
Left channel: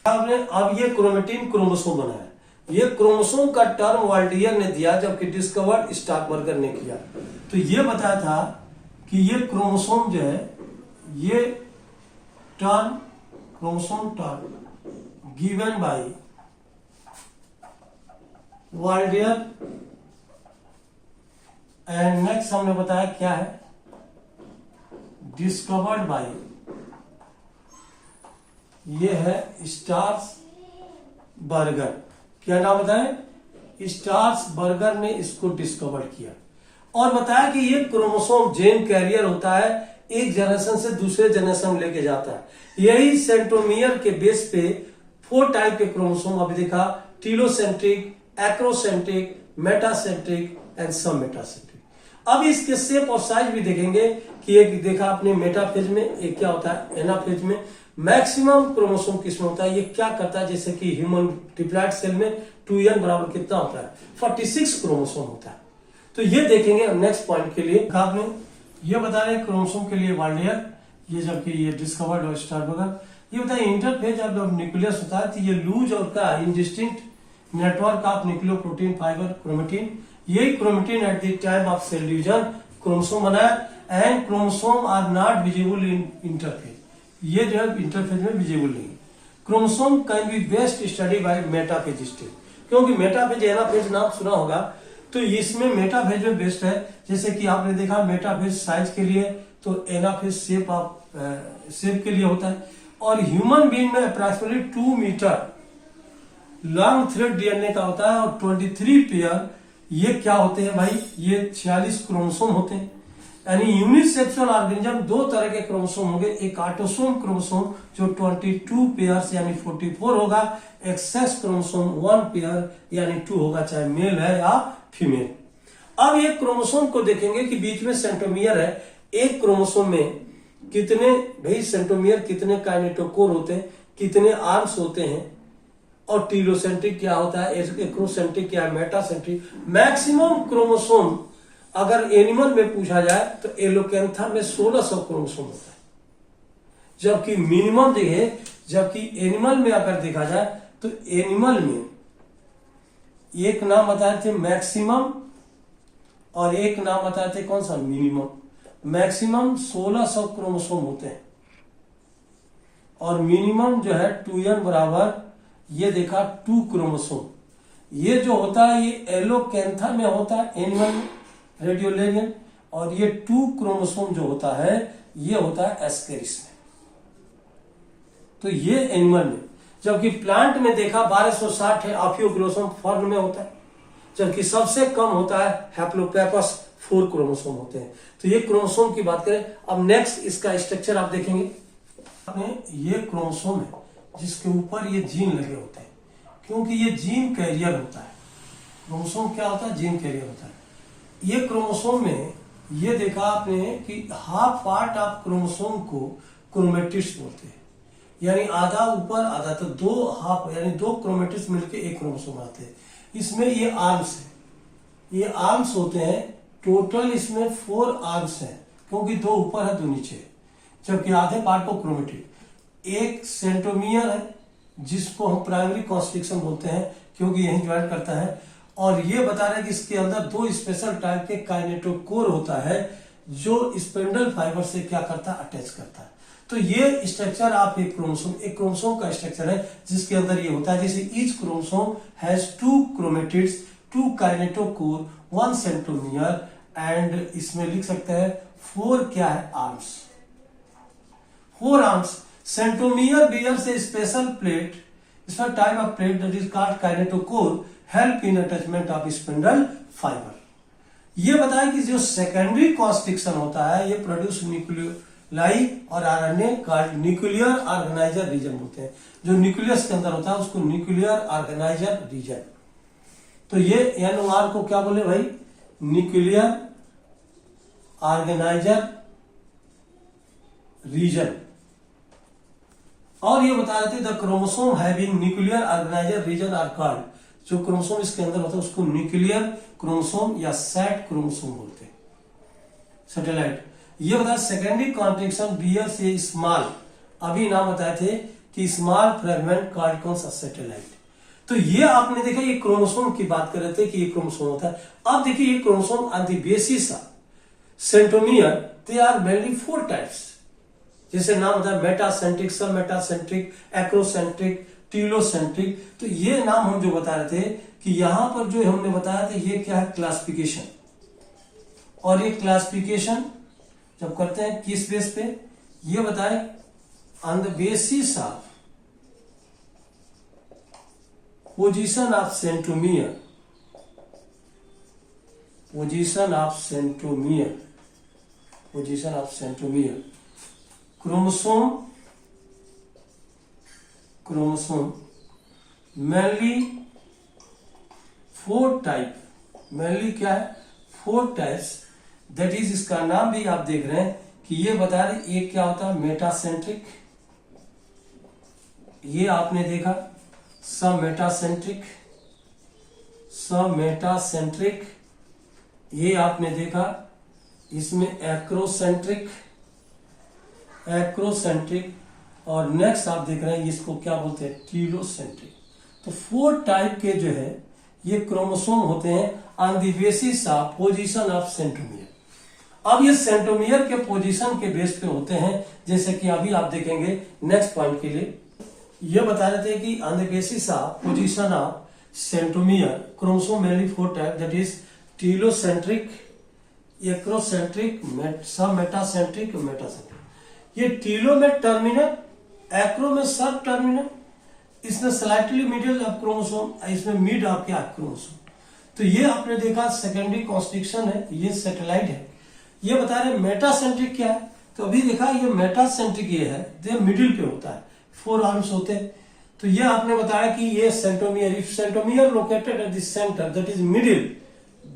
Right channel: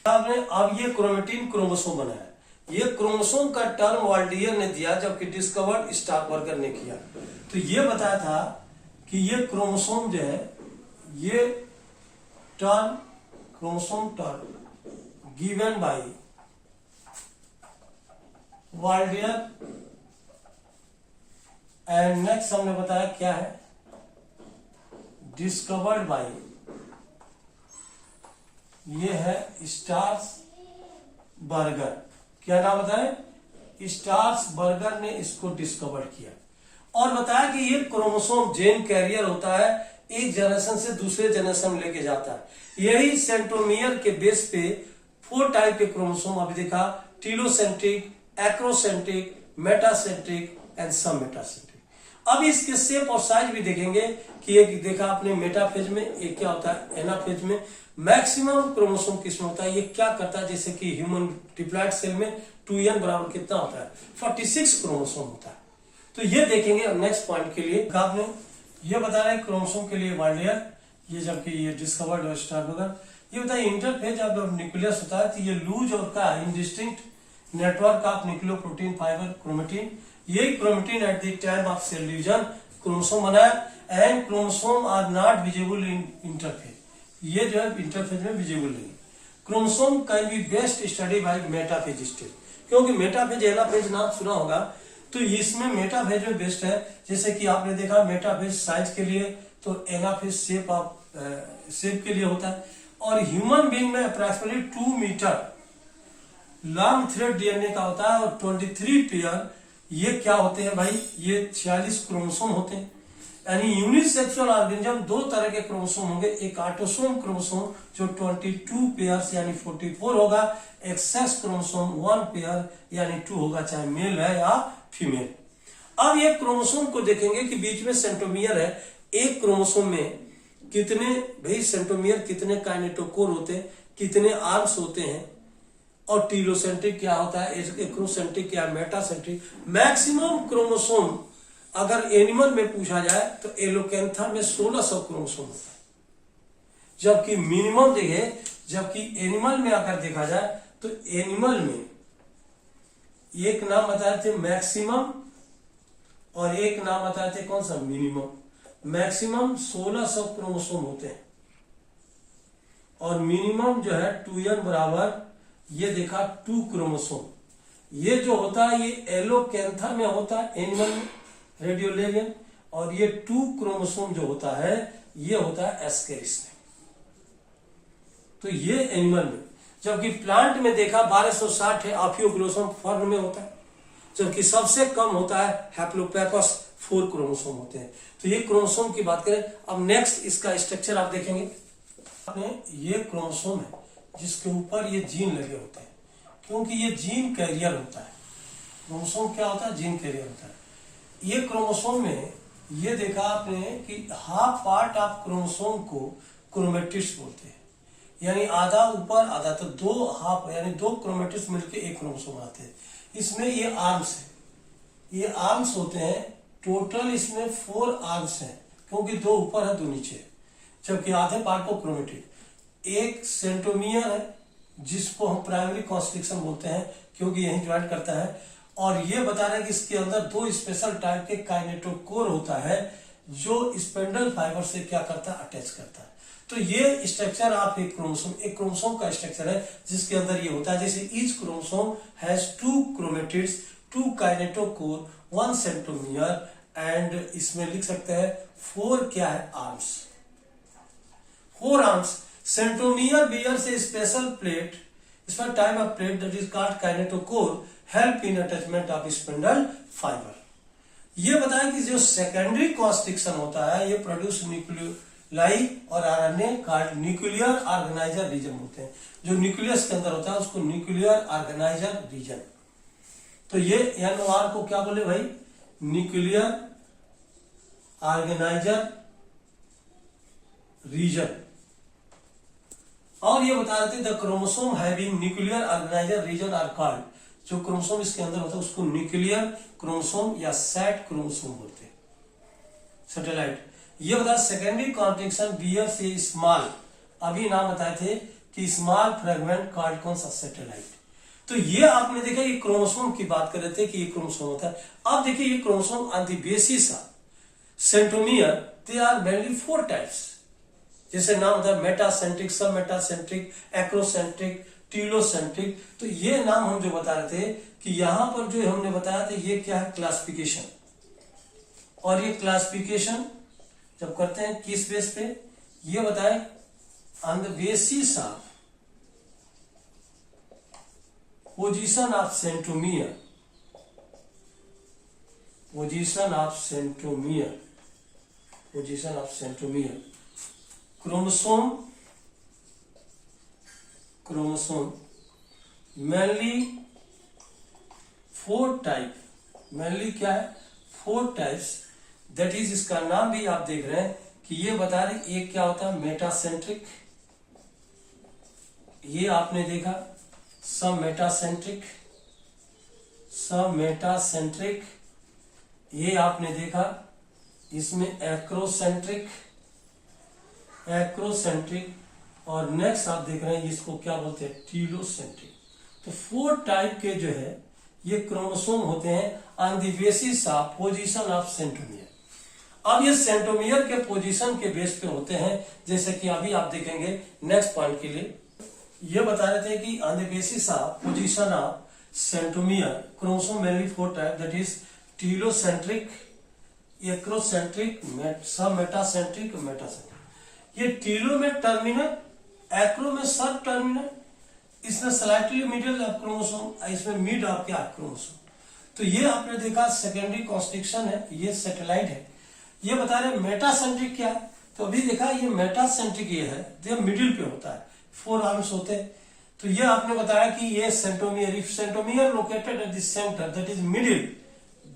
अब ये क्रोमेटिन क्रोमोसोम बनाया। ये क्रोमोसोम का टर्म वाल्डियर ने दिया, जबकि डिस्कवर्ड स्टार्कबर्गर ने किया। तो ये बताया था कि ये क्रोमोसोम जो है, ये term, chromosome term given by Waldeyer. And next हमने बताया क्या है, डिस्कवर्ड बाय, ये है स्टार्कबर्गर। क्या नाम बताएं, स्टार्कबर्गर ने इसको डिस्कवर किया। और बताया कि ये क्रोमोसोम जेन कैरियर होता है, एक जनरेशन से दूसरे जनरेशन में लेके जाता है। यही सेंट्रोमियर के बेस पे 4 टाइप के क्रोमोसोम अभी देखा, टीलोसेंट्रिक, एक्रोसेंट्रिक, मेटासेंट्रिक एंड सब मेटासेंट्रिक। अब इसके शेप और साइज भी देखेंगे कि एक देखा आपने मेटाफेज में, एक क्या होता है एनाफेज में। मैक्सिमम क्रोमोसोम किसमें होता है, ये क्या करता है, जैसे कि ह्यूमन डिप्लॉइड सेल में 2n बराबर कितना होता है, 46 क्रोमोसोम होता है। तो ये देखेंगे अब नेक्स्ट पॉइंट के लिए। आपने ये बता रहे क्रोमोसोम के लिए वार्डियर, ये जबकि ये डिस्कवर्ड और स्टारबर्गर, ये होता है इंटरफेज ऑफ न्यूक्लियस होता है, तो ये लूज और का indistinct network of nucleoprotein fibre chromatin, यही chromatin at the time of cell division chromosome बनाया। And chromosome are not visible in interphase, ये जो है इंटरफेज में विजिबल नहीं। Chromosome can be best study by metaphase stage, क्योंकि metaphase anaphase नाम सुना होगा, तो इसमें मेटाफेज में बेस्ट है। जैसे कि आपने देखा मेटाफेज साइज के लिए, तो एनाफेज शेप के लिए होता है। और ह्यूमन बीइंग में approximately 2 metre long thread DNA का होता है और 23 पेयर, ये क्या होते हैं भाई, ये 46 क्रोमोसोम होते हैं। यानी यूनिसेक्सुअल ऑर्गेनिज्म 2 तरह के क्रोमोसोम होंगे, एक ऑटोसोम क्रोमोसोम जो 22 पेयर्स यानी 44 होगा, एक सेक्स क्रोमोसोम 1 पेयर यानी 2 होगा, चाहे मेल है या फीमेल। अब ये क्रोमोसोम को देखेंगे कि बीच में सेंट्रोमियर है, एक क्रोमोसोम में कितने भाई सेंट्रोमियर, कितने काइनेटोकोर होते हैं, कितने आर्म्स होते हैं, और टीलोसेंट्रिक क्या होता है, एक्रोसेंट्रिक क्या है, मेटासेंट्रिक। मैक्सिमम क्रोमोसोम अगर एनिमल में पूछा जाए तो एलोकेंथा में 1600 क्रोमोसोम होता है, जबकि मिनिमम जगह, जबकि एनिमल में अगर देखा जाए तो एनिमल में एक नाम बताए थे मैक्सिमम और एक नाम बताए थे कौन सा, मिनिमम। मैक्सिमम 1600 क्रोमोसोम होते हैं और मिनिमम जो है 2n बराबर, ये देखा 2 क्रोमोसोम। ये जो होता है ये एलोकेंथा में होता है एनिमल में, रेडियोलेनियन, और ये 2 क्रोमोसोम जो होता है ये होता है एस्केरिस में, तो ये एनिमल में। जबकि प्लांट में देखा 1260 है, आफियोग्लोसम फर्न में होता है, जबकि सबसे कम होता है हैप्लोपेपस, 4 क्रोमोसोम होते हैं। तो ये क्रोमोसोम की बात करें। अब नेक्स्ट इसका स्ट्रक्चर आप देखेंगे, ये क्रोमोसोम है जिसके ऊपर ये जीन लगे होते हैं, क्योंकि ये जीन कैरियर होता है। क्रोमोसोम क्या होता है, जीन कैरियर होता है। ये क्रोमोसोम में ये देखा आपने कि हाफ पार्ट ऑफ क्रोमोसोम को क्रोमेटिड्स बोलते हैं, यानी आधा ऊपर आधा, तो 2 हाफ यानी 2 क्रोमेटिड्स मिलकर एक क्रोमोसोम बनाते हैं। इसमें ये आर्म्स है, ये आर्म्स होते हैं, टोटल इसमें 4 आर्म्स हैं, क्योंकि 2 ऊपर है 2 नीचे, जबकि आधे पार्ट को क्रोमेटिड। एक सेंट्रोमियर है जिसको हम प्राइमरी कॉन्स्ट्रिक्शन बोलते हैं, क्योंकि यही ज्वाइन करता है। और ये बता रहे हैं कि इसके अंदर 2 स्पेशल टाइप के काइनेटोकोर होता है जो स्पेंडल फाइबर से क्या करता है, अटैच करता है। तो ये स्ट्रक्चर आप एक क्रोमोसोम का स्ट्रक्चर है जिसके अंदर ये होता है। जैसे each chromosome has 2 chromatids, 2 kinetochore, 1 centromere, and इसमें लिख सकते हैं 4 क्या है, arms, 4 arms. Centromere bears a special plate, special type of plate that is called kinetochore, help in attachment of spindle fiber। ये बताया कि जो सेकेंडरी कॉन्स्ट्रिक्शन होता है ये प्रोड्यूस न्यूक्लियोलाई और RNA called nuclear organiser region होते हैं। जो न्यूक्लियस के अंदर होता है उसको न्यूक्लियर ऑर्गेनाइजर रीजन। तो ये एनओआर को क्या बोले भाई, न्यूक्लियर ऑर्गेनाइजर रीजन। और ये बताया थे the chromosome having nuclear organiser region are called, जो क्रोमोसोम इसके अंदर होता है उसको न्यूक्लियर क्रोमोसोम या सैट क्रोमोसोम बोलते हैं, सैटेलाइट। ये बताया सेकेंडरी कॉन्ट्रिक्शन बियर से स्मॉल, अभी नाम बताए थे कि स्मॉल फ्रेगमेंट कॉल्ड कौन सा, सैटेलाइट। तो ये आपने देखा ये क्रोमोसोम की बात कर रहे थे कि ये क्रोमोसोम होता है। अब देखिए ये chromosome on the basis of centromere they are mainly 4 types, जैसे नाम होता है मेटासेंट्रिक, सब मेटासेंट्रिक, एक्रोसेंट्रिक, टीलोसेंट्रिक। तो ये नाम हम जो बता रहे थे कि यहां पर जो हमने बताया था ये क्या है, क्लासिफिकेशन। और ये क्लासिफिकेशन जब करते हैं किस बेस पे, ये बताए on the basis of position of centromere, position of centromere, position of chromosome mainly 4 type, mainly क्या है 4 टाइप्स, दैट इज, इसका नाम भी आप देख रहे हैं कि ये बता रहे एक क्या होता है मेटासेंट्रिक, ये आपने देखा सब मेटासेंट्रिक, सब मेटासेंट्रिक, ये आपने देखा इसमें एक्रोसेंट्रिक, एक्रोसेंट्रिक, और नेक्स्ट आप देख रहे हैं इसको क्या बोलते हैं टीलोसेंट्रिक। तो 4 टाइप के जो है ये क्रोमोसोम होते हैं on the basis of position of centromere. अब ये सेंट्रोमियर के पोजीशन के बेस पे होते हैं, जैसे कि अभी आप देखेंगे नेक्स्ट पॉइंट के लिए ये बता रहे थे कि on the basis of position of centromere chromosome mainly 4 type, that is telocentric, acrocentric, सब मेटासेंट्रिक, मेटासेंट्रिक। ये टीलो में टर्मिनल, एक्रो में सब टर्मिनल, इसमें स्लाइटली मिडिल ऑफ क्रोमोसोम, इसमें मिड ऑफ क्या क्रोमोसोम। तो ये आपने देखा सेकेंडरी कॉन्स्ट्रिक्शन है, ये सैटेलाइट है। ये बता रहे मेटासेंट्रिक क्या है, तो अभी देखा ये मेटासेंट्रिक ये है, ये मिडिल पे होता है, 4 आर्म्स होते हैं। तो ये आपने बताया कि ये centromere, if centromere located at the centre that is middle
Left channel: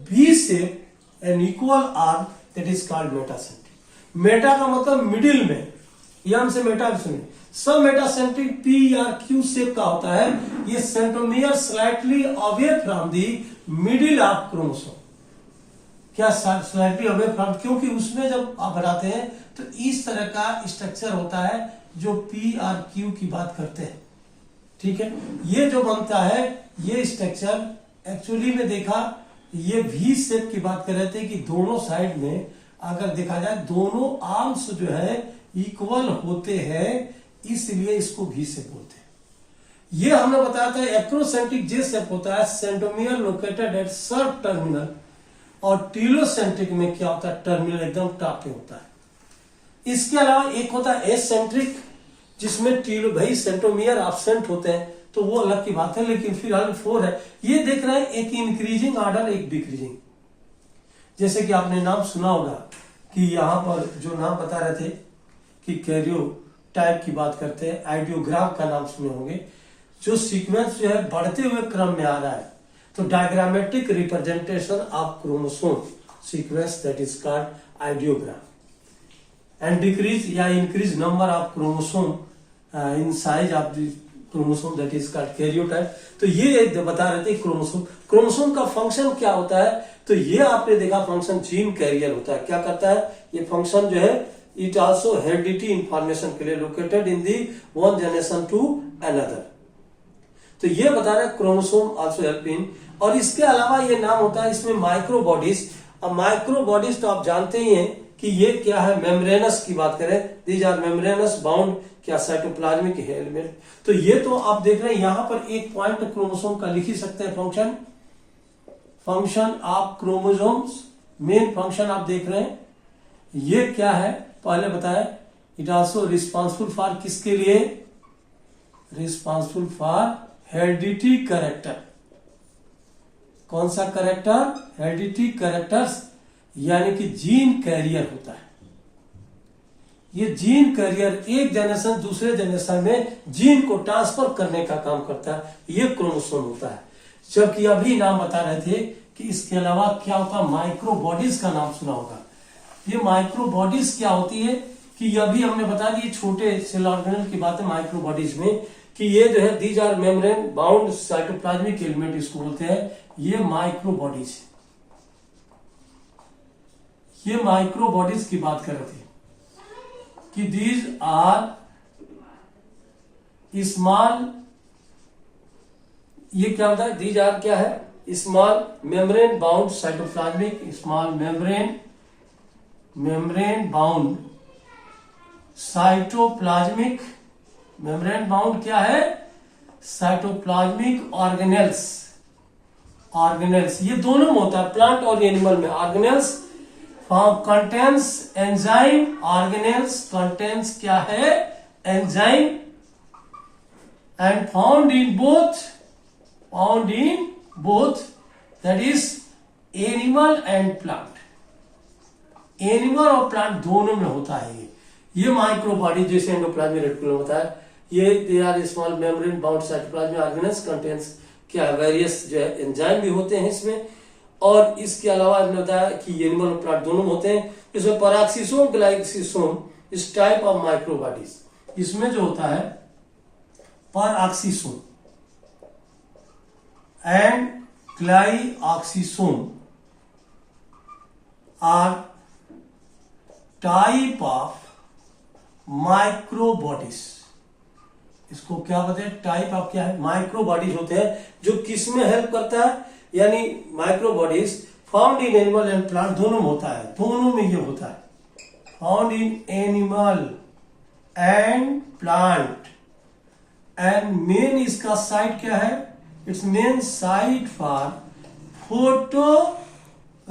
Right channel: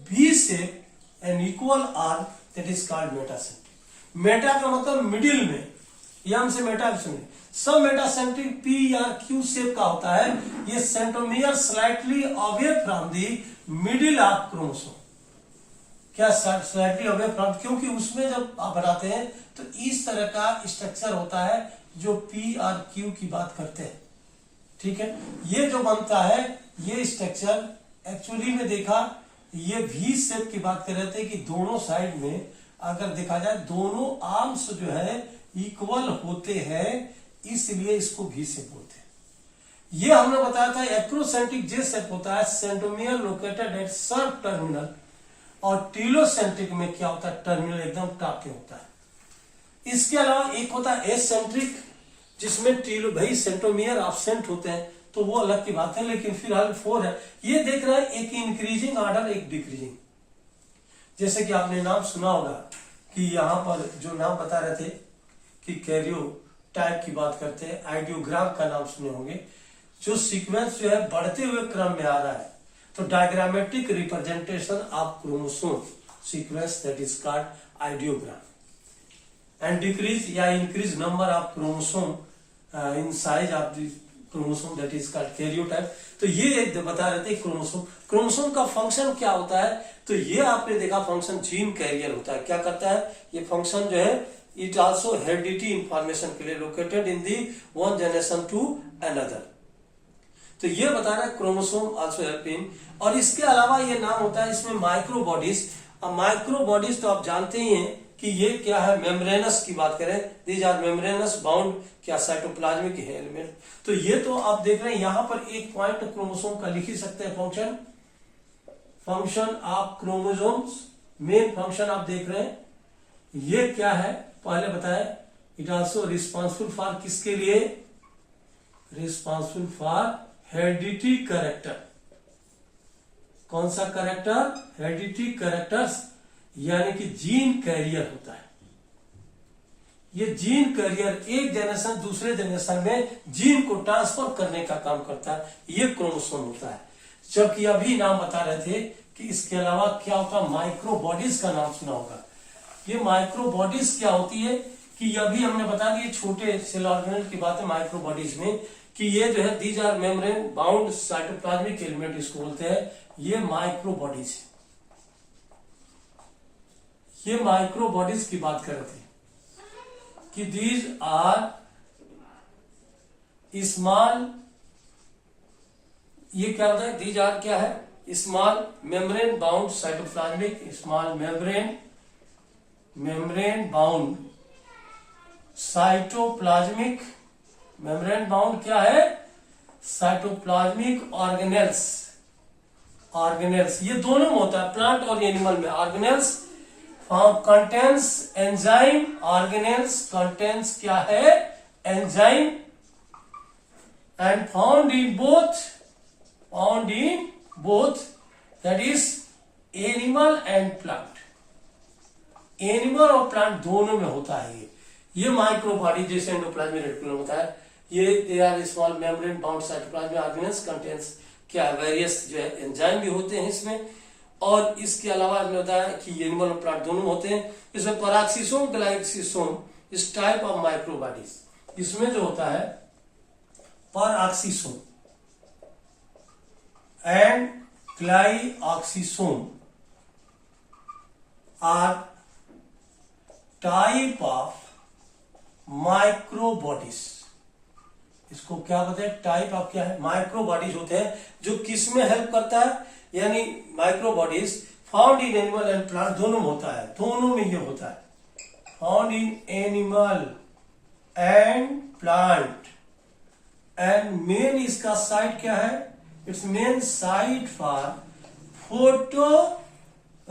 V shape an equal arm that is called metacentric. Meta का मतलब मिडिल में, यहां से मेटा सुनिए, सब मेटासेंट्रिक पी या क्यू शेप का होता है। ये centromere slightly away from the middle of chromosome, क्या स्लाइटली अवे फ्रॉम, क्योंकि उसमें जब आप बनाते हैं तो इस तरह का स्ट्रक्चर होता है जो पी और क्यू की बात करते हैं, ठीक है। ये जो बनता है ये स्ट्रक्चर एक्चुअली में देखा ये वी शेप की बात कर रहे थे कि दोनों साइड में अगर देखा जाए दोनों आर्म्स जो है इक्वल होते हैं, इसलिए इसको वी शेप बोलते हैं। ये हमने बताया था एक्रोसेंट्रिक जे शेप होता है, सेंट्रोमियर लोकेटेड एट सब टर्मिनल, और टीलोसेंट्रिक में क्या होता है टर्मिनल एकदम टॉप पे होता है। इसके अलावा एक होता है एसेंट्रिक, जिसमें टीलो भाई सेंट्रोमियर एब्सेंट होते हैं, तो वो अलग की बात है, लेकिन फिलहाल 4 है। ये देख रहे हैं एक इंक्रीजिंग ऑर्डर, एक डिक्रीजिंग। जैसे कि आपने नाम सुना होगा कि यहां पर जो नाम बता रहे थे कि कैरियो टाइप की बात करते हैं, आइडियोग्राम का नाम सुने होंगे, जो सीक्वेंस जो है बढ़ते हुए क्रम में आ रहा है, तो diagrammatic representation of chromosome sequence that is called idiogram. And decrease या increase number of chromosome in size of the chromosome that is called karyotype. तो ये बता रहे थे क्रोमोसोम, क्रोमोसोम का फंक्शन क्या होता है, तो ये आपने देखा फंक्शन जीन कैरियर होता है। क्या करता है ये फंक्शन जो है, इट आल्सो हेरिडिटी इंफॉर्मेशन के लिए located in the one generation to another. तो ये बता रहा है क्रोमोसोम आल्सो हेल्प इन। और इसके अलावा ये नाम होता है इसमें माइक्रो बॉडीज। अब माइक्रो बॉडीज तो आप जानते ही हैं कि ये क्या है, मेम्ब्रेनस की बात करें, दीज आर मेम्ब्रेनस बाउंड क्या साइटोप्लाज्मिक एलिमेंट। तो ये तो आप देख रहे हैं यहां पर एक पॉइंट क्रोमोसोम का लिख ही सकते हैं, function, function of chromosomes, main function आप देख रहे हैं ये क्या है, पहले बताया इट आल्सो रिस्पॉन्सिबल फॉर किसके लिए, रिस्पॉन्सिबल फॉर हेरिडिटी कैरेक्टर। कौन सा कैरेक्टर, हेरिडिटी कैरेक्टर्स, यानी कि जीन कैरियर होता है। ये जीन कैरियर एक जनरेशन दूसरे जनरेशन में जीन को ट्रांसफर करने का काम करता है, ये क्रोमोसोम होता है। जबकि अभी नाम बता रहे थे कि इसके अलावा क्या होता है, माइक्रो बॉडीज का नाम सुना होगा। ये माइक्रो बॉडीज क्या होती है कि अभी हमने बता दिए छोटे सेल ऑर्गेनेल की बात है माइक्रो बॉडीज में, कि ये जो है these are membrane bound cytoplasmic element इसको बोलते हैं, ये माइक्रो बॉडीज है। ये माइक्रो बॉडीज की बात कर रहे थे कि दीज आर स्मॉल, ये क्या होता है, दीज आर क्या है, small membrane bound cytoplasmic, small membrane bound cytoplasmic, membrane bound क्या है, साइटोप्लाज्मिक ऑर्गेनेल्स, ऑर्गेनेल्स ये दोनों में होता है, प्लांट और एनिमल में। Organelles contains enzyme, organelles contains क्या है, enzyme, and found in both that is animal and plant. Animal और प्लांट दोनों में होता है ये माइक्रो बॉडी, जैसे एंडोप्लाज्मिक रेटिकुलम होता है, ये they are small membrane bound cytoplasmic organelles contains क्या वेरियस जो है एंजाइम भी होते हैं इसमें। और इसके अलावा हमने बताया कि एनिमल और प्लांट दोनों होते हैं। इसमें पैराक्सीसोम ग्लाइकोसिसोम इस टाइप ऑफ माइक्रोबॉडीज, इसमें जो होता है peroxisome and glyoxysome are type of microbodies. इसको क्या बताते हैं, टाइप ऑफ क्या है, माइक्रोबॉडीज होते हैं जो किस में हेल्प करता है, यानी microbodies found in animal and plant दोनों में होता है, दोनों में ये होता है, found in animal and plant. And main इसका साइट क्या है, it's main site for photo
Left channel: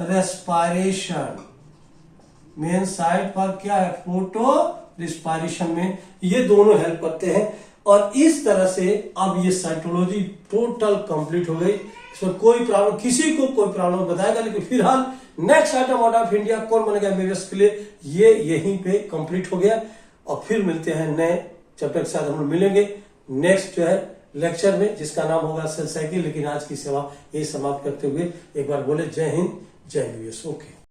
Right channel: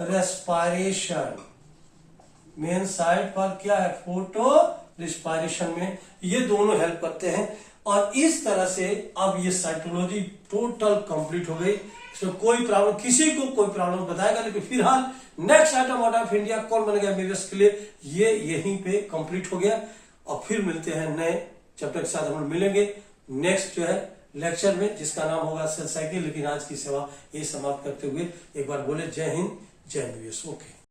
respiration. Main site पर क्या है, फोटो रेस्पायरेशन में ये दोनों हेल्प करते हैं। और इस तरह से अब ये साइटोलॉजी टोटल कंप्लीट हो गई। इसमें कोई प्रॉब्लम, किसी को कोई प्रॉब्लम बताएगा, लेकिन फिलहाल next item out of India कौन बनेगा एमबीबीएस के लिए, ये यहीं पे कंप्लीट हो गया। और फिर मिलते हैं नए चैप्टर के साथ, हम लोग मिलेंगे नेक्स्ट जो है लेक्चर में, जिसका नाम होगा सेल साइकिल। लेकिन आज की सेवा ये समाप्त करते हुए एक बार बोले जय हिंद, जय एमबीबीएस। ओके।